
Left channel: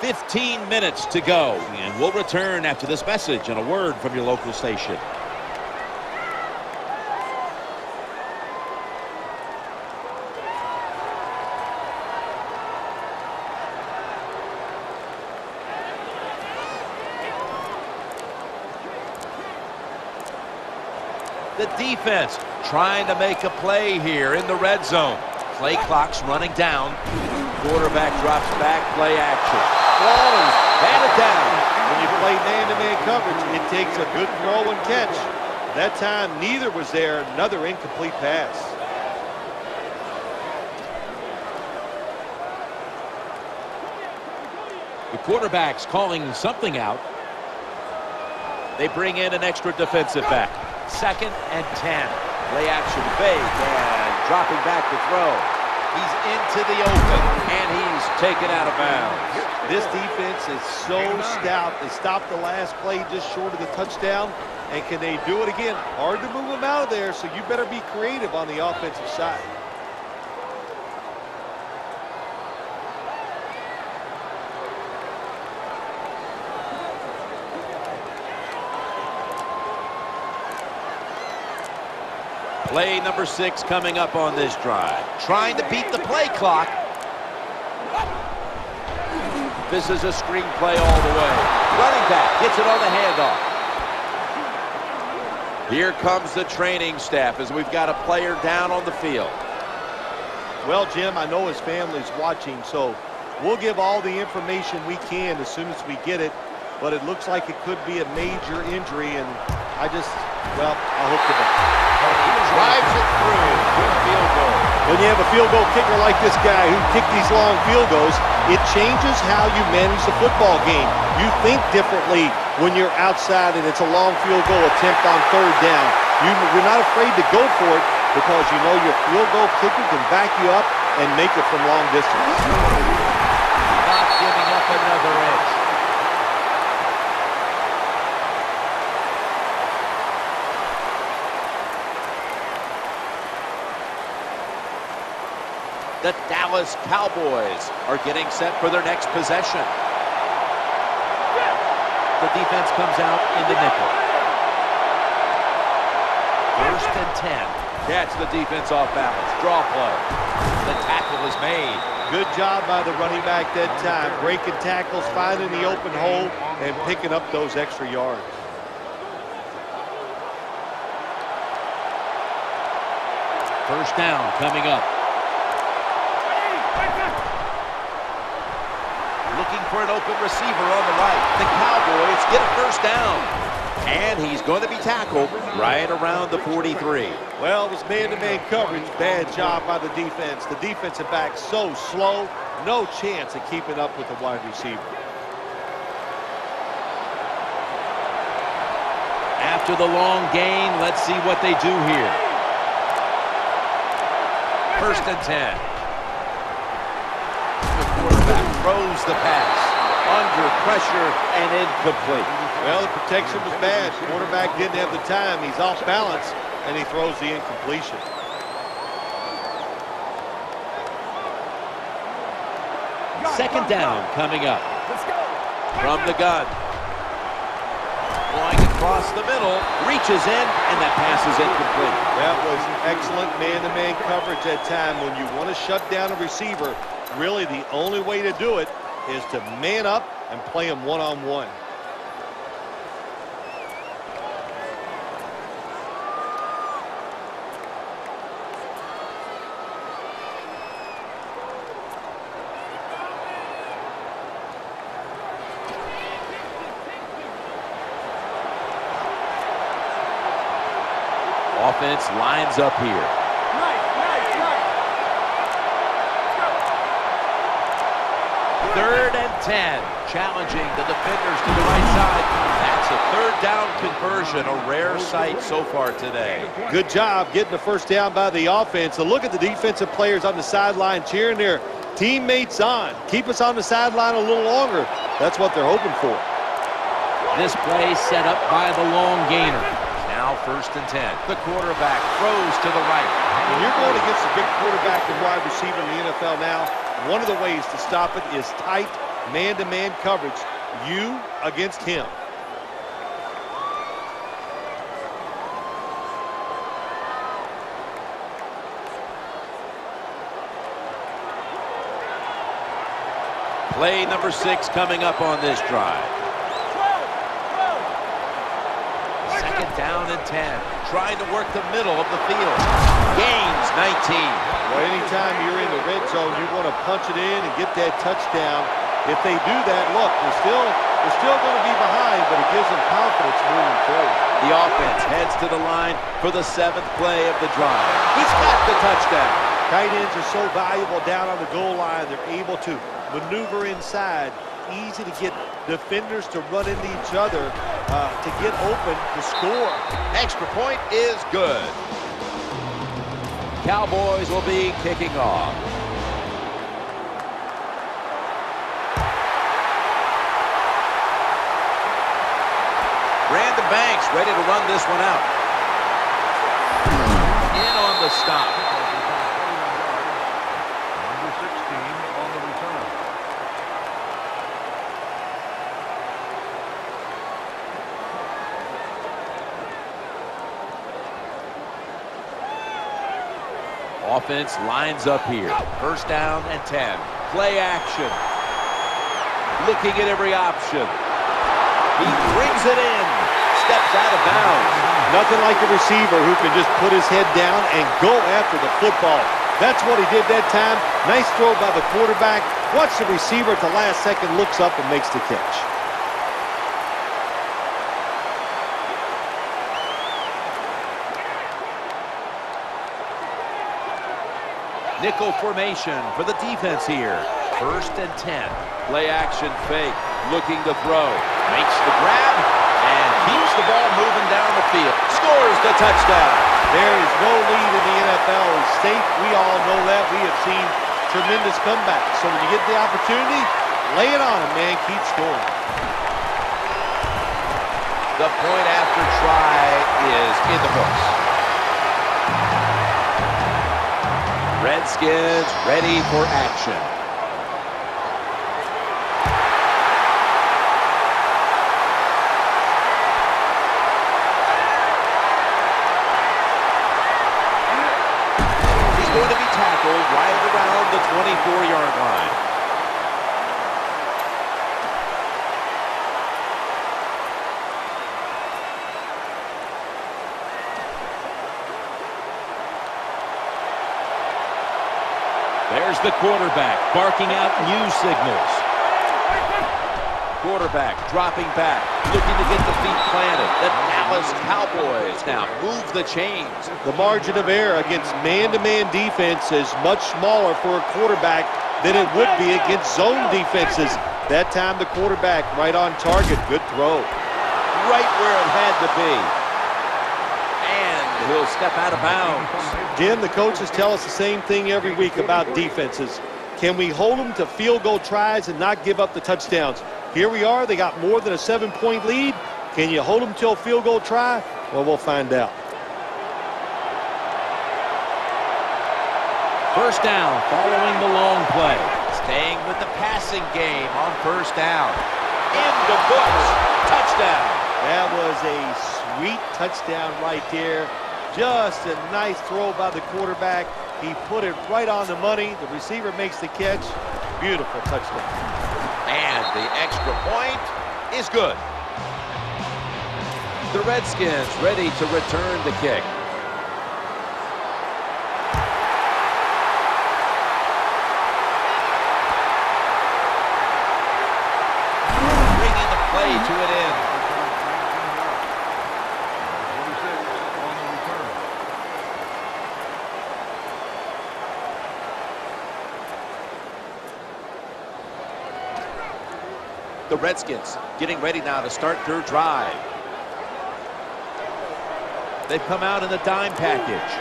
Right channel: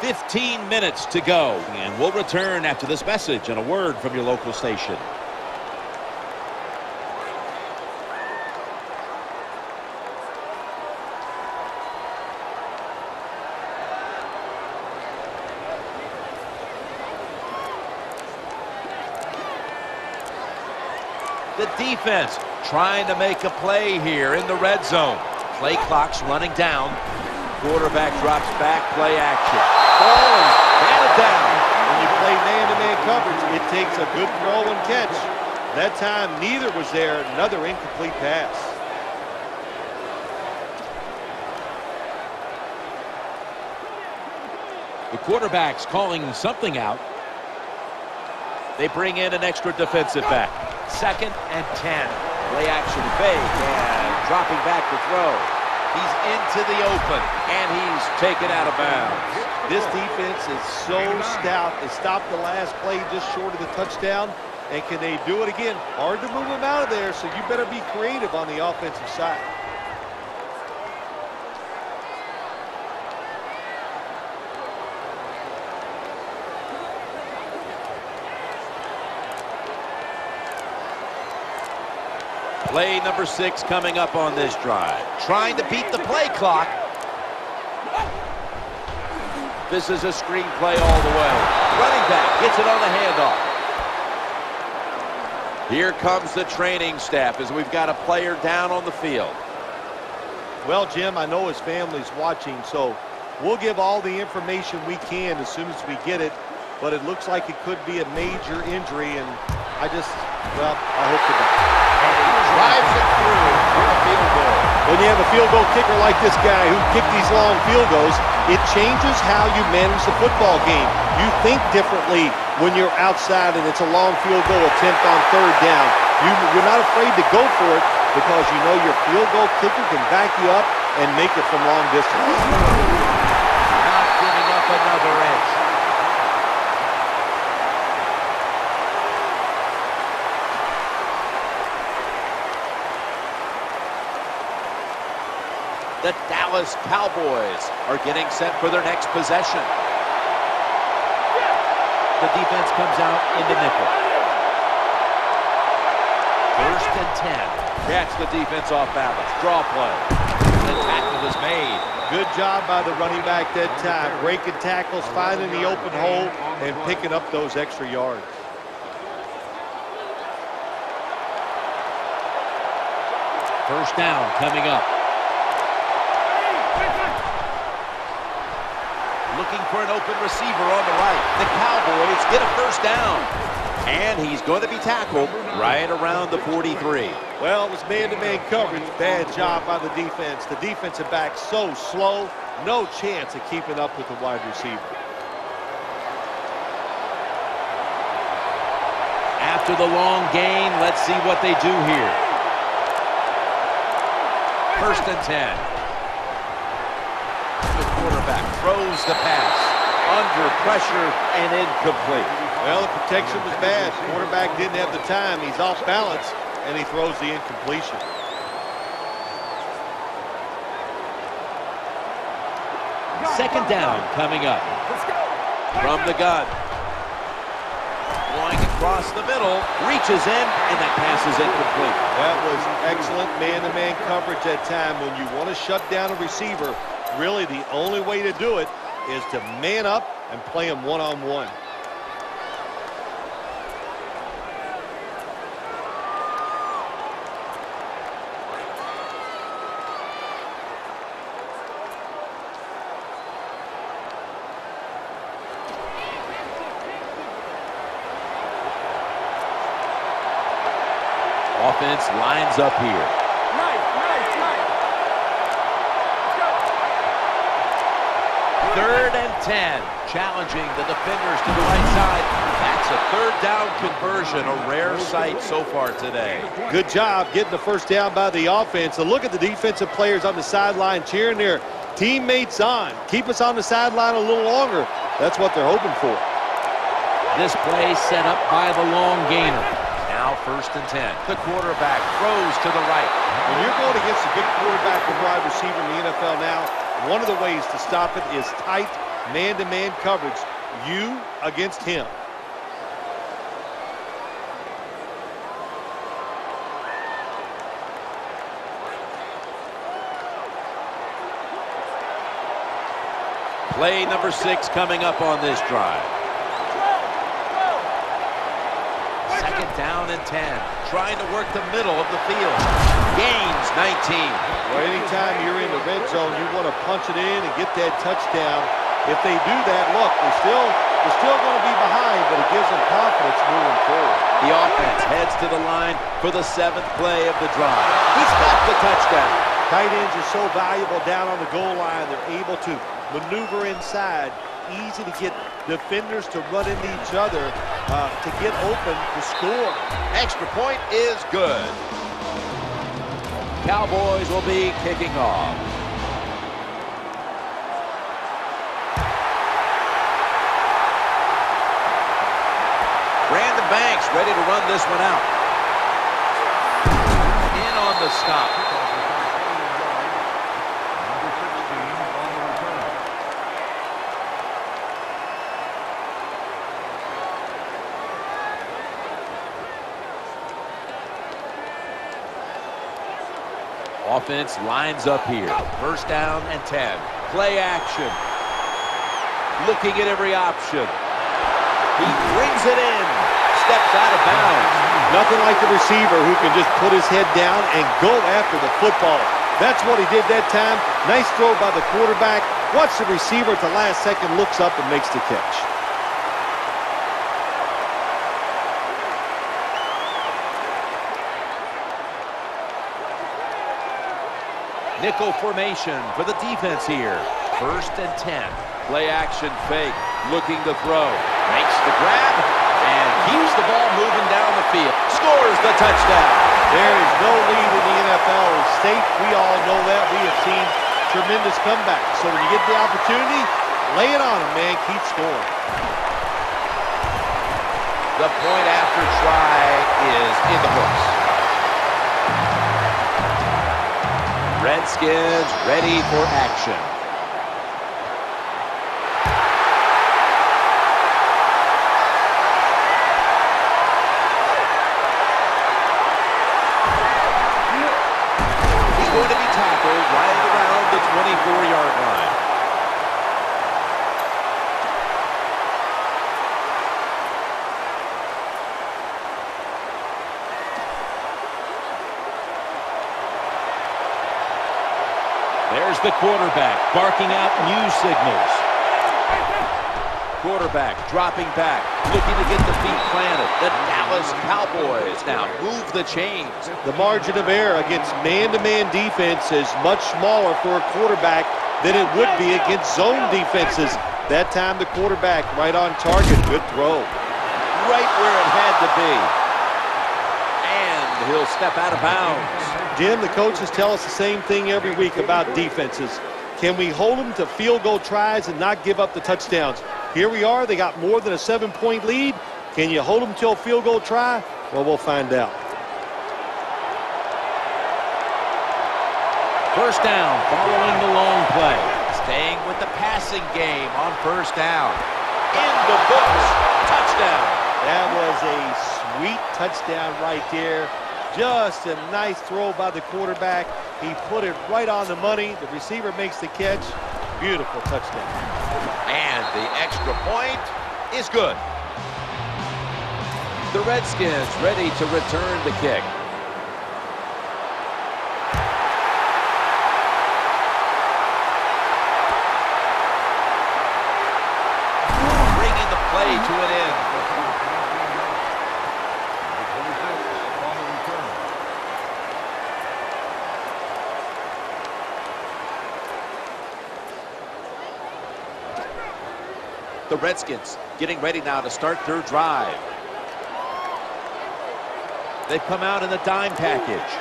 "15 minutes to go, and we'll return after this message and a word from your local station. The defense trying to make a play here in the red zone. Play clock's running down. Quarterback drops back, play action. Ball is batted down. When you play man-to-man coverage, it takes a good throw and catch. That time, neither was there. Another incomplete pass. The quarterback's calling something out. They bring in an extra defensive back. 2nd and 10. Play action fake and dropping back to throw. He's into the open, and he's taken out of bounds. This defense is so stout. They stopped the last play just short of the touchdown. And can they do it again? Hard to move them out of there, so you better be creative on the offensive side. Play number 6 coming up on this drive. Trying to beat the play clock. This is a screen play all the way. Running back gets it on the handoff. Here comes the training staff as we've got a player down on the field. Well, Jim, I know his family's watching, so we'll give all the information we can as soon as we get it. But it looks like it could be a major injury, and I hope the best. And he drives it through with a field goal. When you have a field goal kicker like this guy who kicked these long field goals, it changes how you manage the football game. You think differently when you're outside and it's a long field goal attempt on third down. You're not afraid to go for it because you know your field goal kicker can back you up and make it from long distance. Not giving up another inch. The Dallas Cowboys are getting set for their next possession. The defense comes out into nickel. 1st and 10. Catch the defense off balance. Draw play. The tackle is made. Good job by the running back that time. Breaking tackles, finding the open hole, and picking up those extra yards. First down coming up. Looking for an open receiver on the right. The Cowboys get a first down. And he's going to be tackled right around the 43. Well, it was man-to-man coverage. Bad job by the defense. The defensive back so slow, no chance of keeping up with the wide receiver. After the long gain, let's see what they do here. First and 10. The quarterback throws the pass. Under pressure and incomplete. Well, the protection was bad. Quarterback didn't have the time. He's off balance, and he throws the incompletion. Second down coming up. Let's go. From the gun. Going across the middle. Reaches in, and that pass is incomplete. That was excellent man-to-man coverage that time. When you want to shut down a receiver, really the only way to do it is to man up and play him one-on-one. Offense lines up here. Nice. Third and 10. Challenging the defenders to the right side. That's a third down conversion. A rare sight so far today. Good job getting the first down by the offense. And look at the defensive players on the sideline cheering their teammates on. Keep us on the sideline a little longer. That's what they're hoping for. This play set up by the long gainer. Now first and 10. The quarterback throws to the right. When you're going against a big quarterback and wide receiver in the NFL now, one of the ways to stop it is tight man-to-man coverage. You against him. Play number 6 coming up on this drive. 12. Second down and 10. Trying to work the middle of the field. Gains 19. Well, anytime you're in the red zone, you want to punch it in and get that touchdown. If they do that, look, they're still going to be behind, but it gives them confidence moving forward. The offense heads to the line for the 7th play of the drive. He's got the touchdown. Tight ends are so valuable down on the goal line. They're able to maneuver inside. Easy to get defenders to run into each other to get open to score. Extra point is good. Cowboys will be kicking off. Brandon Banks ready to run this one out. In on the stop. Kickoff return 21 yards. Number 16 on the return. Offense lines up here. First down and 10. Play action. Looking at every option. He brings it in. Steps out of bounds. Nothing like a receiver who can just put his head down and go after the football. That's what he did that time. Nice throw by the quarterback. Watch the receiver at the last second, looks up and makes the catch. Nickel formation for the defense here. First and 10. Play action fake. Looking to throw. Makes the grab and keeps the ball moving down the field. Scores the touchdown. There is no lead in the NFL is safe. We all know that. We have seen tremendous comebacks. So when you get the opportunity, lay it on them, man. Keep scoring. The point after try is in the books. Redskins ready for action. going to be tackled right around the 24-yard line. There's the quarterback barking out new signals. Quarterback dropping back, looking to get the feet planted. The Dallas Cowboys now move the chains. The margin of error against man-to-man defense is much smaller for a quarterback than it would be against zone defenses. That time the quarterback right on target. Good throw. Right where it had to be. And he'll step out of bounds. Jim, the coaches tell us the same thing every week about defenses. Can we hold them to field goal tries and not give up the touchdowns? Here we are. They got more than a 7-point lead. Can you hold them till a field goal try? Well, we'll find out. First down following the long play. Staying with the passing game on first down. In the books. Touchdown. That was a sweet touchdown right there. Just a nice throw by the quarterback. He put it right on the money. The receiver makes the catch. Beautiful touchdown. And the extra point is good. The Redskins ready to return the kick. Bringing the play to an end. 19 yards. Number 26 on the return. The Redskins getting ready now to start their drive. They've come out in the dime package.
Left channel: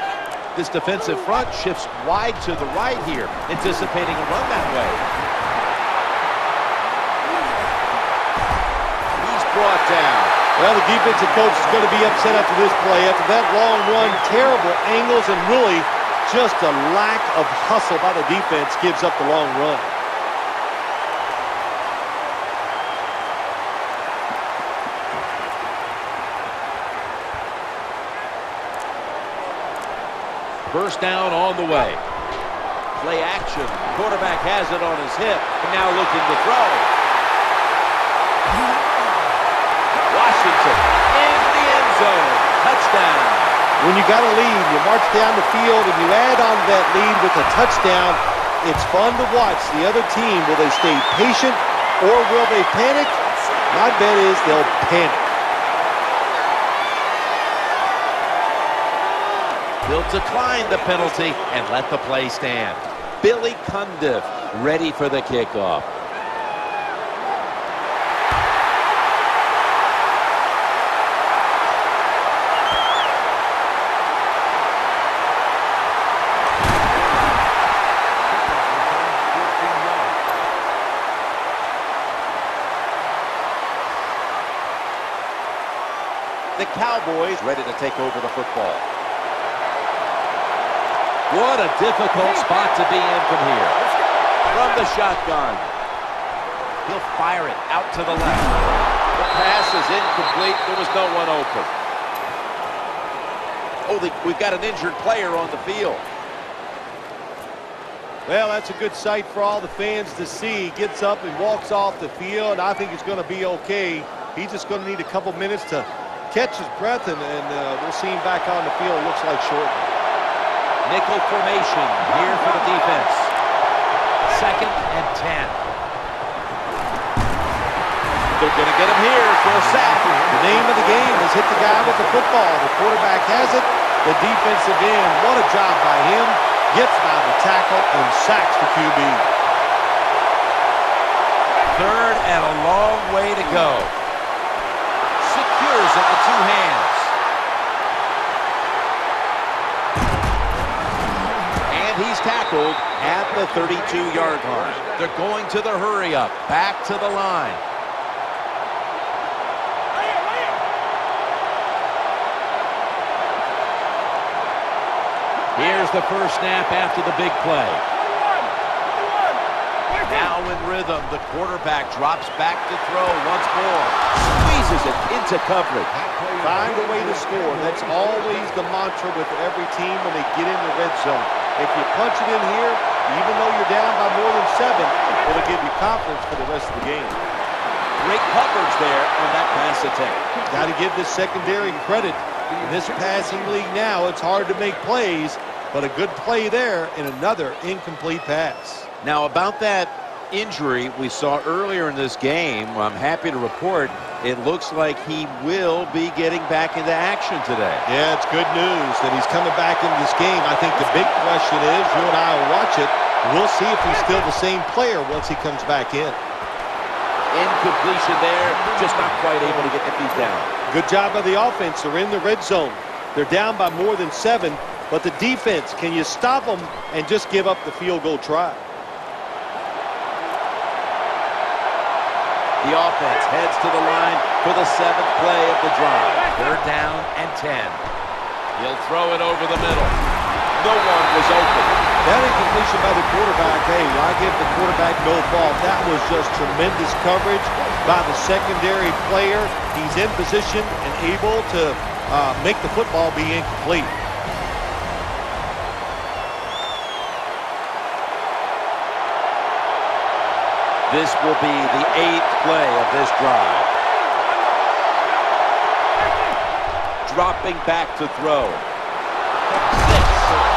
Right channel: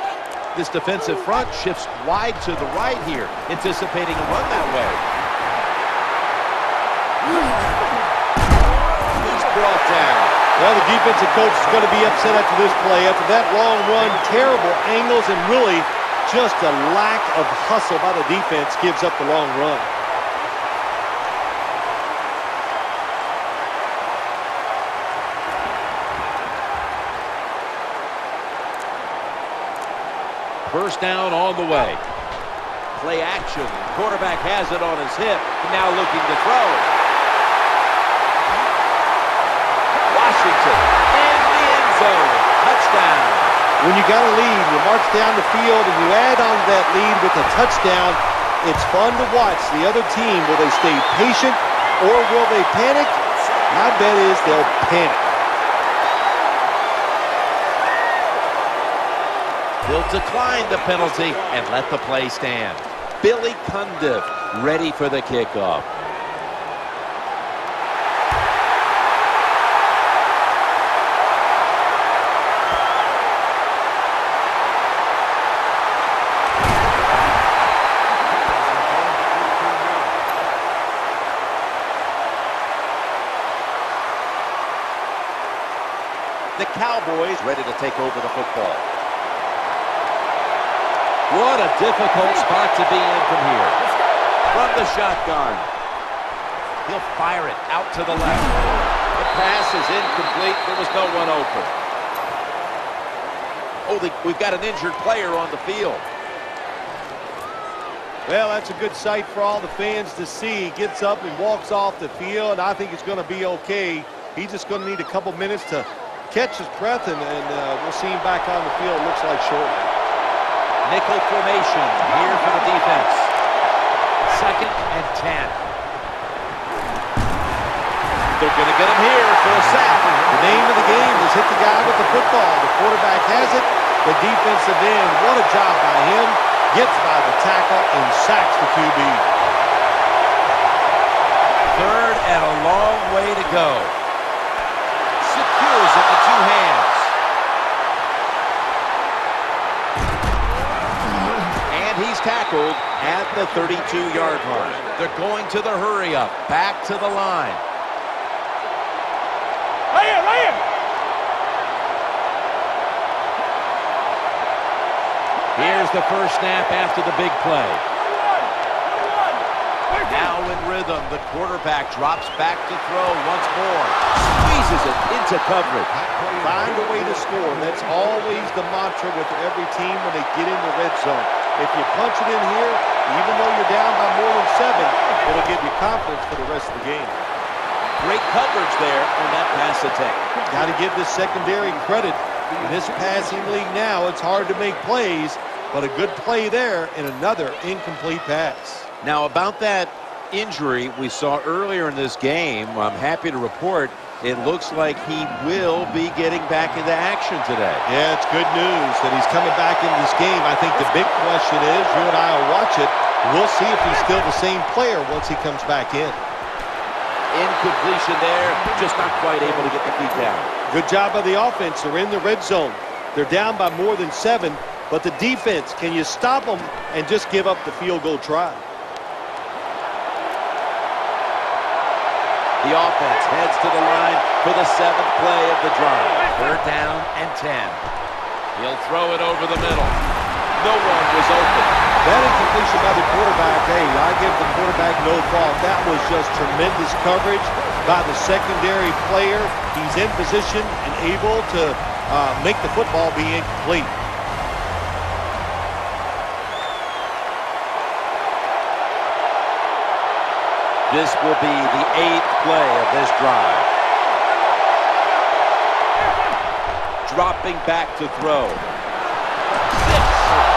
This defensive front shifts wide to the right here, anticipating a run that way. He's brought down. Well, the defensive coach is going to be upset after this play. After that long run, terrible angles, and really just a lack of hustle by the defense gives up the long run. First down on the way. Play action. Quarterback has it on his hip. Now looking to throw. Washington in the end zone. Touchdown. When you got a lead, you march down the field and you add on to that lead with a touchdown, it's fun to watch the other team. Will they stay patient or will they panic? My bet is they'll panic. They'll decline the penalty and let the play stand. Billy Cundiff ready for the kickoff. Kickoff return, 14 yards. The Cowboys ready to take over the football. What a difficult spot to be in from here. From the shotgun. He'll fire it out to the left. The pass is incomplete. There was no one open. Oh, we've got an injured player on the field. Well, that's a good sight for all the fans to see. He gets up and walks off the field. I think he's going to be okay. He's just going to need a couple minutes to catch his breath, and we'll see him back on the field, looks like shortly. Nickel formation here for the defense. 2nd and 10. They're going to get him here for a sack. The name of the game is hit the guy with the football. The quarterback has it. The defensive end, what a job by him. Gets by the tackle and sacks the QB. 3rd and a long way to go. Secures it with 2 hands. And he's tackled at the 32-yard line. They're going to the hurry-up. Back to the line. Right here. Here's the first snap after the big play. 21. Now in rhythm, the quarterback drops back to throw once more. Squeezes it into coverage. Find a way to score. That's always the mantra with every team when they get in the red zone. If you punch it in here, even though you're down by more than 7, it'll give you confidence for the rest of the game. Great coverage there on that pass attempt. Got to give this secondary credit. In this passing league now, it's hard to make plays, but a good play there and another incomplete pass. Now, about that injury we saw earlier in this game, I'm happy to report it looks like he will be getting back into action today. Yeah, it's good news that he's coming back into this game. I think the big question is, you and I will watch it, we'll see if he's still the same player once he comes back in. Incompletion there, just not quite able to get the feet down. Good job by the offense. They're in the red zone. They're down by more than 7, but the defense, can you stop them and just give up the field goal try? The offense heads to the line for the 7th play of the drive. 3rd down and 10. He'll throw it over the middle. No one was open. That incompletion by the quarterback, hey, I give the quarterback no fault. That was just tremendous coverage by the secondary player. He's in position and able to make the football be incomplete. This will be the 8th play of this drive. Dropping back to throw. 6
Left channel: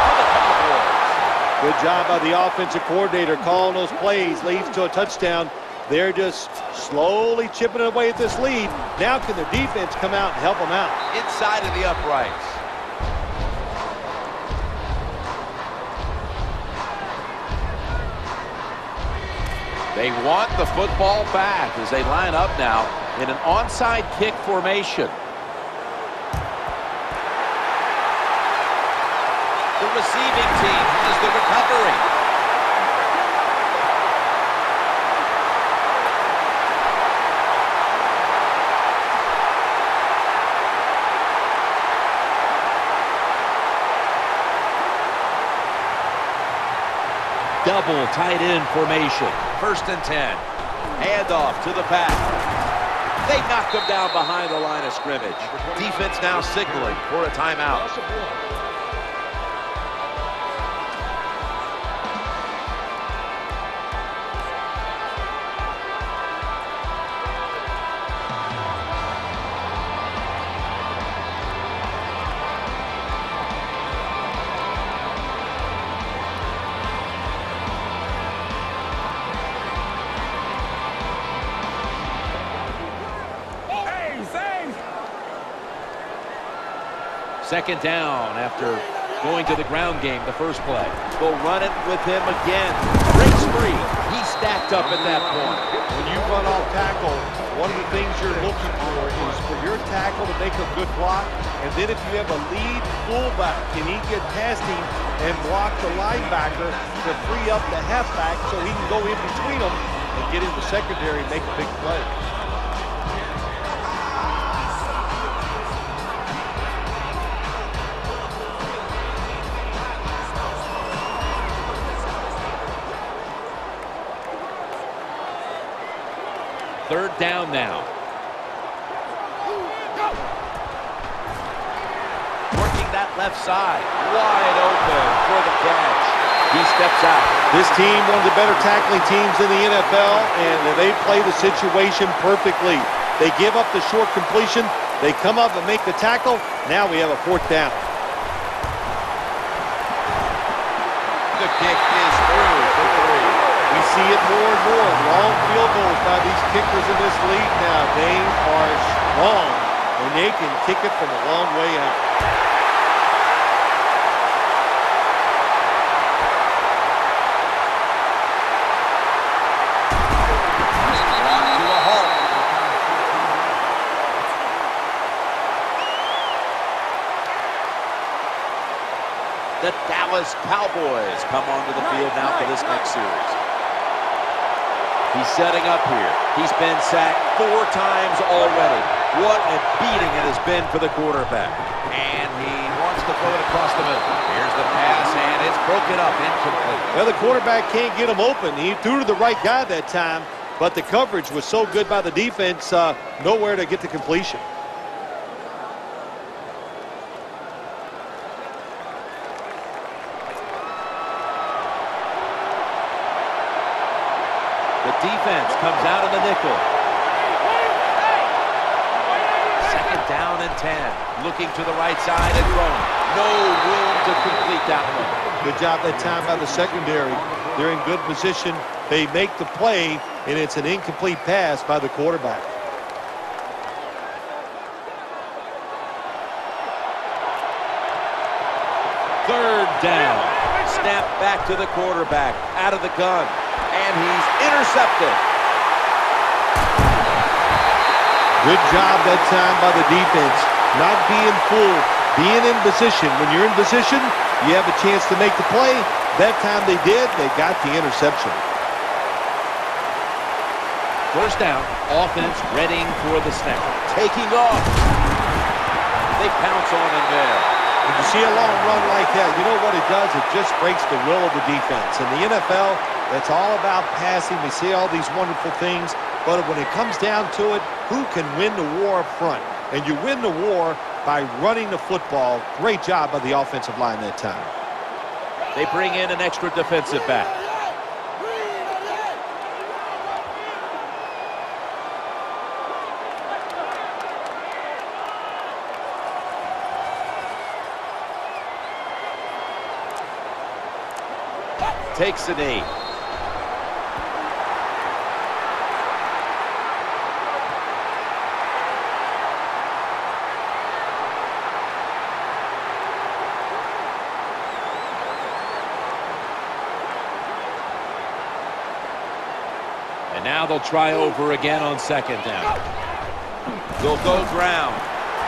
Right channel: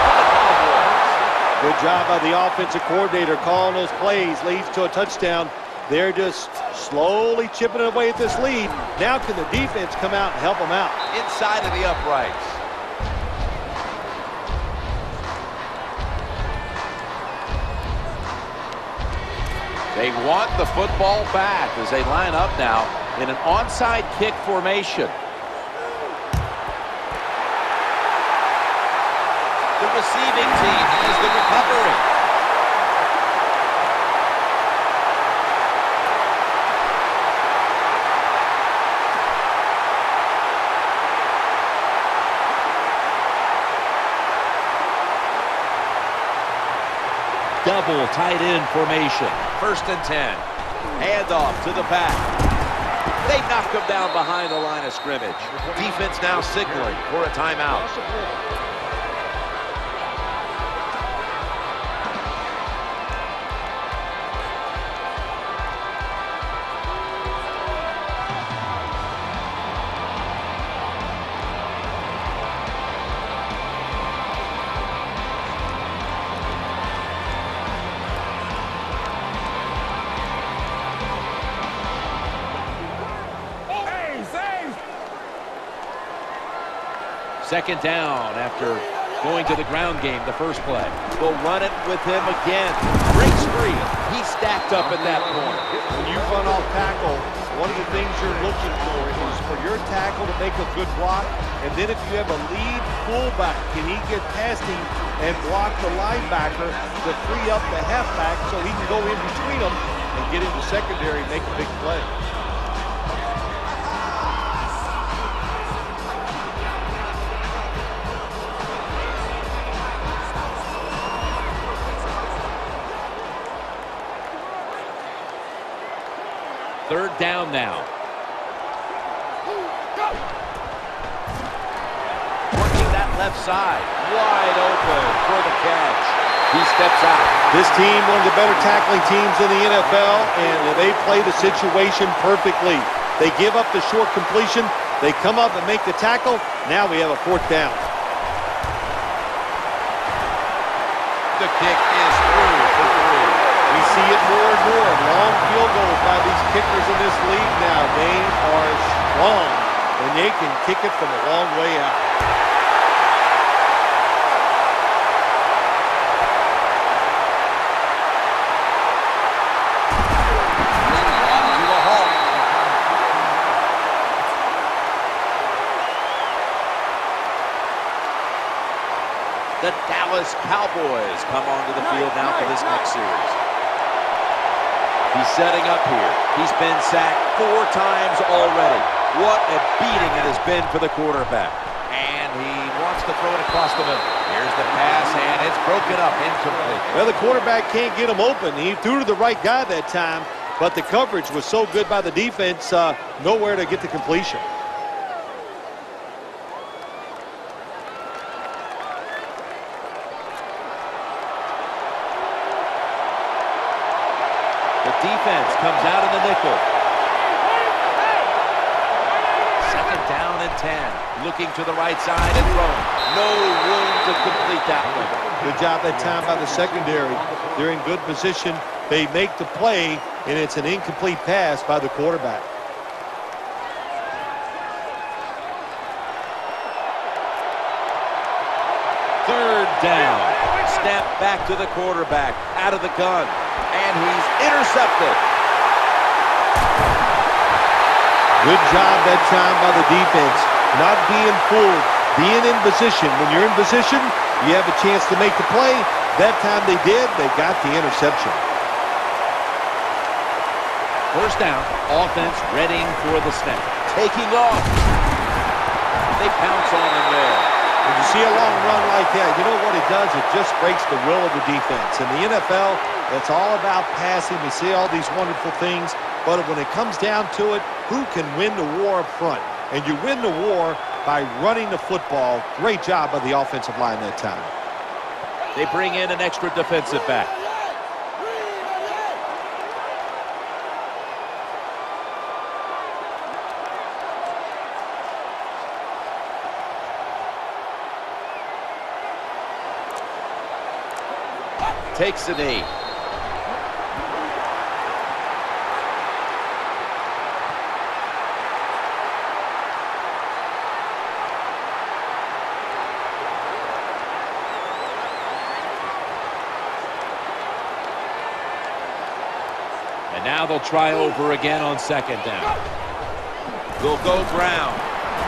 for the Cowboys. Good job by the offensive coordinator calling those plays. Leads to a touchdown. They're just slowly chipping away at this lead. Now can the defense come out and help them out? Inside of the uprights. They want the football back as they line up now in an onside kick formation. The receiving team has the recovery. Double tight end formation. 1st and 10. Handoff to the back. They knock him down behind the line of scrimmage. Defense now signaling for a timeout. Second down after going to the ground game the first play. They'll run it with him again. Breaks free. He's stacked up at that point. When you run off tackle, one of the things you're looking for is for your tackle to make a good block. And then if you have a lead fullback, can he get past him and block the linebacker to free up the halfback so he can go in between them and get into secondary and make a big play. Third down now. Working that left side. Wide open for the catch. He steps out. This team, one of the better tackling teams in the NFL, and they play the situation perfectly. They give up the short completion. They come up and make the tackle. Now we have a 4th down. The kick is through for 3. We see it more and more. Long field goals by these kickers in this league now. They are strong, and they can kick it from a long way out. He's brought to a halt. The Dallas Cowboys come onto the field now for this next series. He's setting up here. He's been sacked 4 times already. What a beating it has been for the quarterback. And he wants to throw it across the middle. Here's the pass, and it's broken up, incomplete. Well, the quarterback can't get him open. He threw to the right guy that time, but the coverage was so good by the defense, nowhere to get the completion. The defense comes out in the nickel. Second down and 10. Looking to the right side and throwing. No room to complete that one. Good job that time by the secondary. They're in good position. They make the play, and it's an incomplete pass by the quarterback. Third down. Snap back to the quarterback. Out of the gun. And he's intercepted. Good job that time by the defense. Not being fooled. Being in position. When you're in position, you have a chance to make the play. That time they did. They got the interception. First down. Offense readying for the snap. Taking off. They pounce on him there. When you see a long run like that, you know what it does? It just breaks the will of the defense. In the NFL, it's all about passing. We see all these wonderful things. But when it comes down to it, who can win the war up front? And you win the war by running the football. Great job by the offensive line that time. They bring in an extra defensive back. Takes a knee. And now they'll try over again on second down. They'll go ground.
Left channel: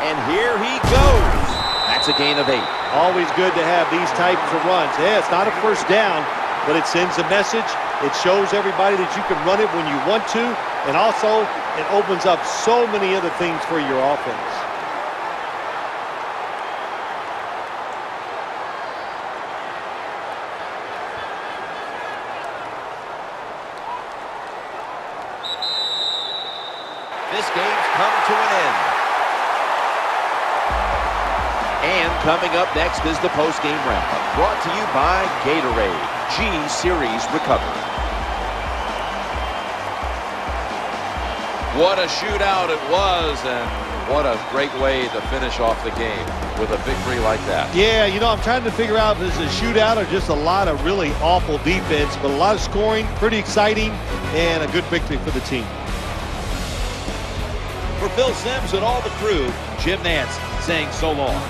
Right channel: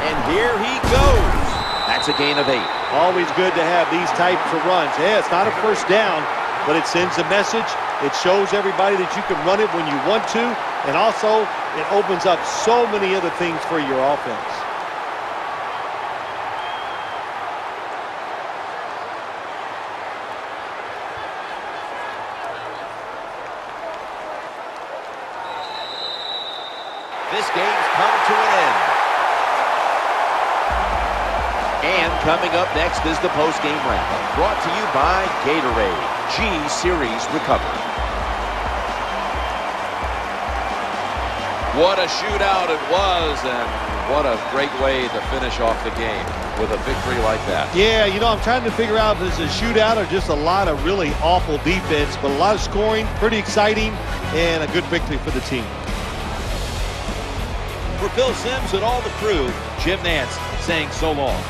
And here he goes. That's a gain of 8. Always good to have these types of runs. Yeah, it's not a first down, but it sends a message. It shows everybody that you can run it when you want to. And also, it opens up so many other things for your offense. This game's come to an end. And coming up next is the post-game wrap-up, brought to you by Gatorade, G-Series Recover. What a shootout it was, and what a great way to finish off the game with a victory like that. Yeah, you know, I'm trying to figure out if this is a shootout or just a lot of really awful defense, but a lot of scoring, pretty exciting, and a good victory for the team. For Phil Simms and all the crew, Jim Nantz saying so long.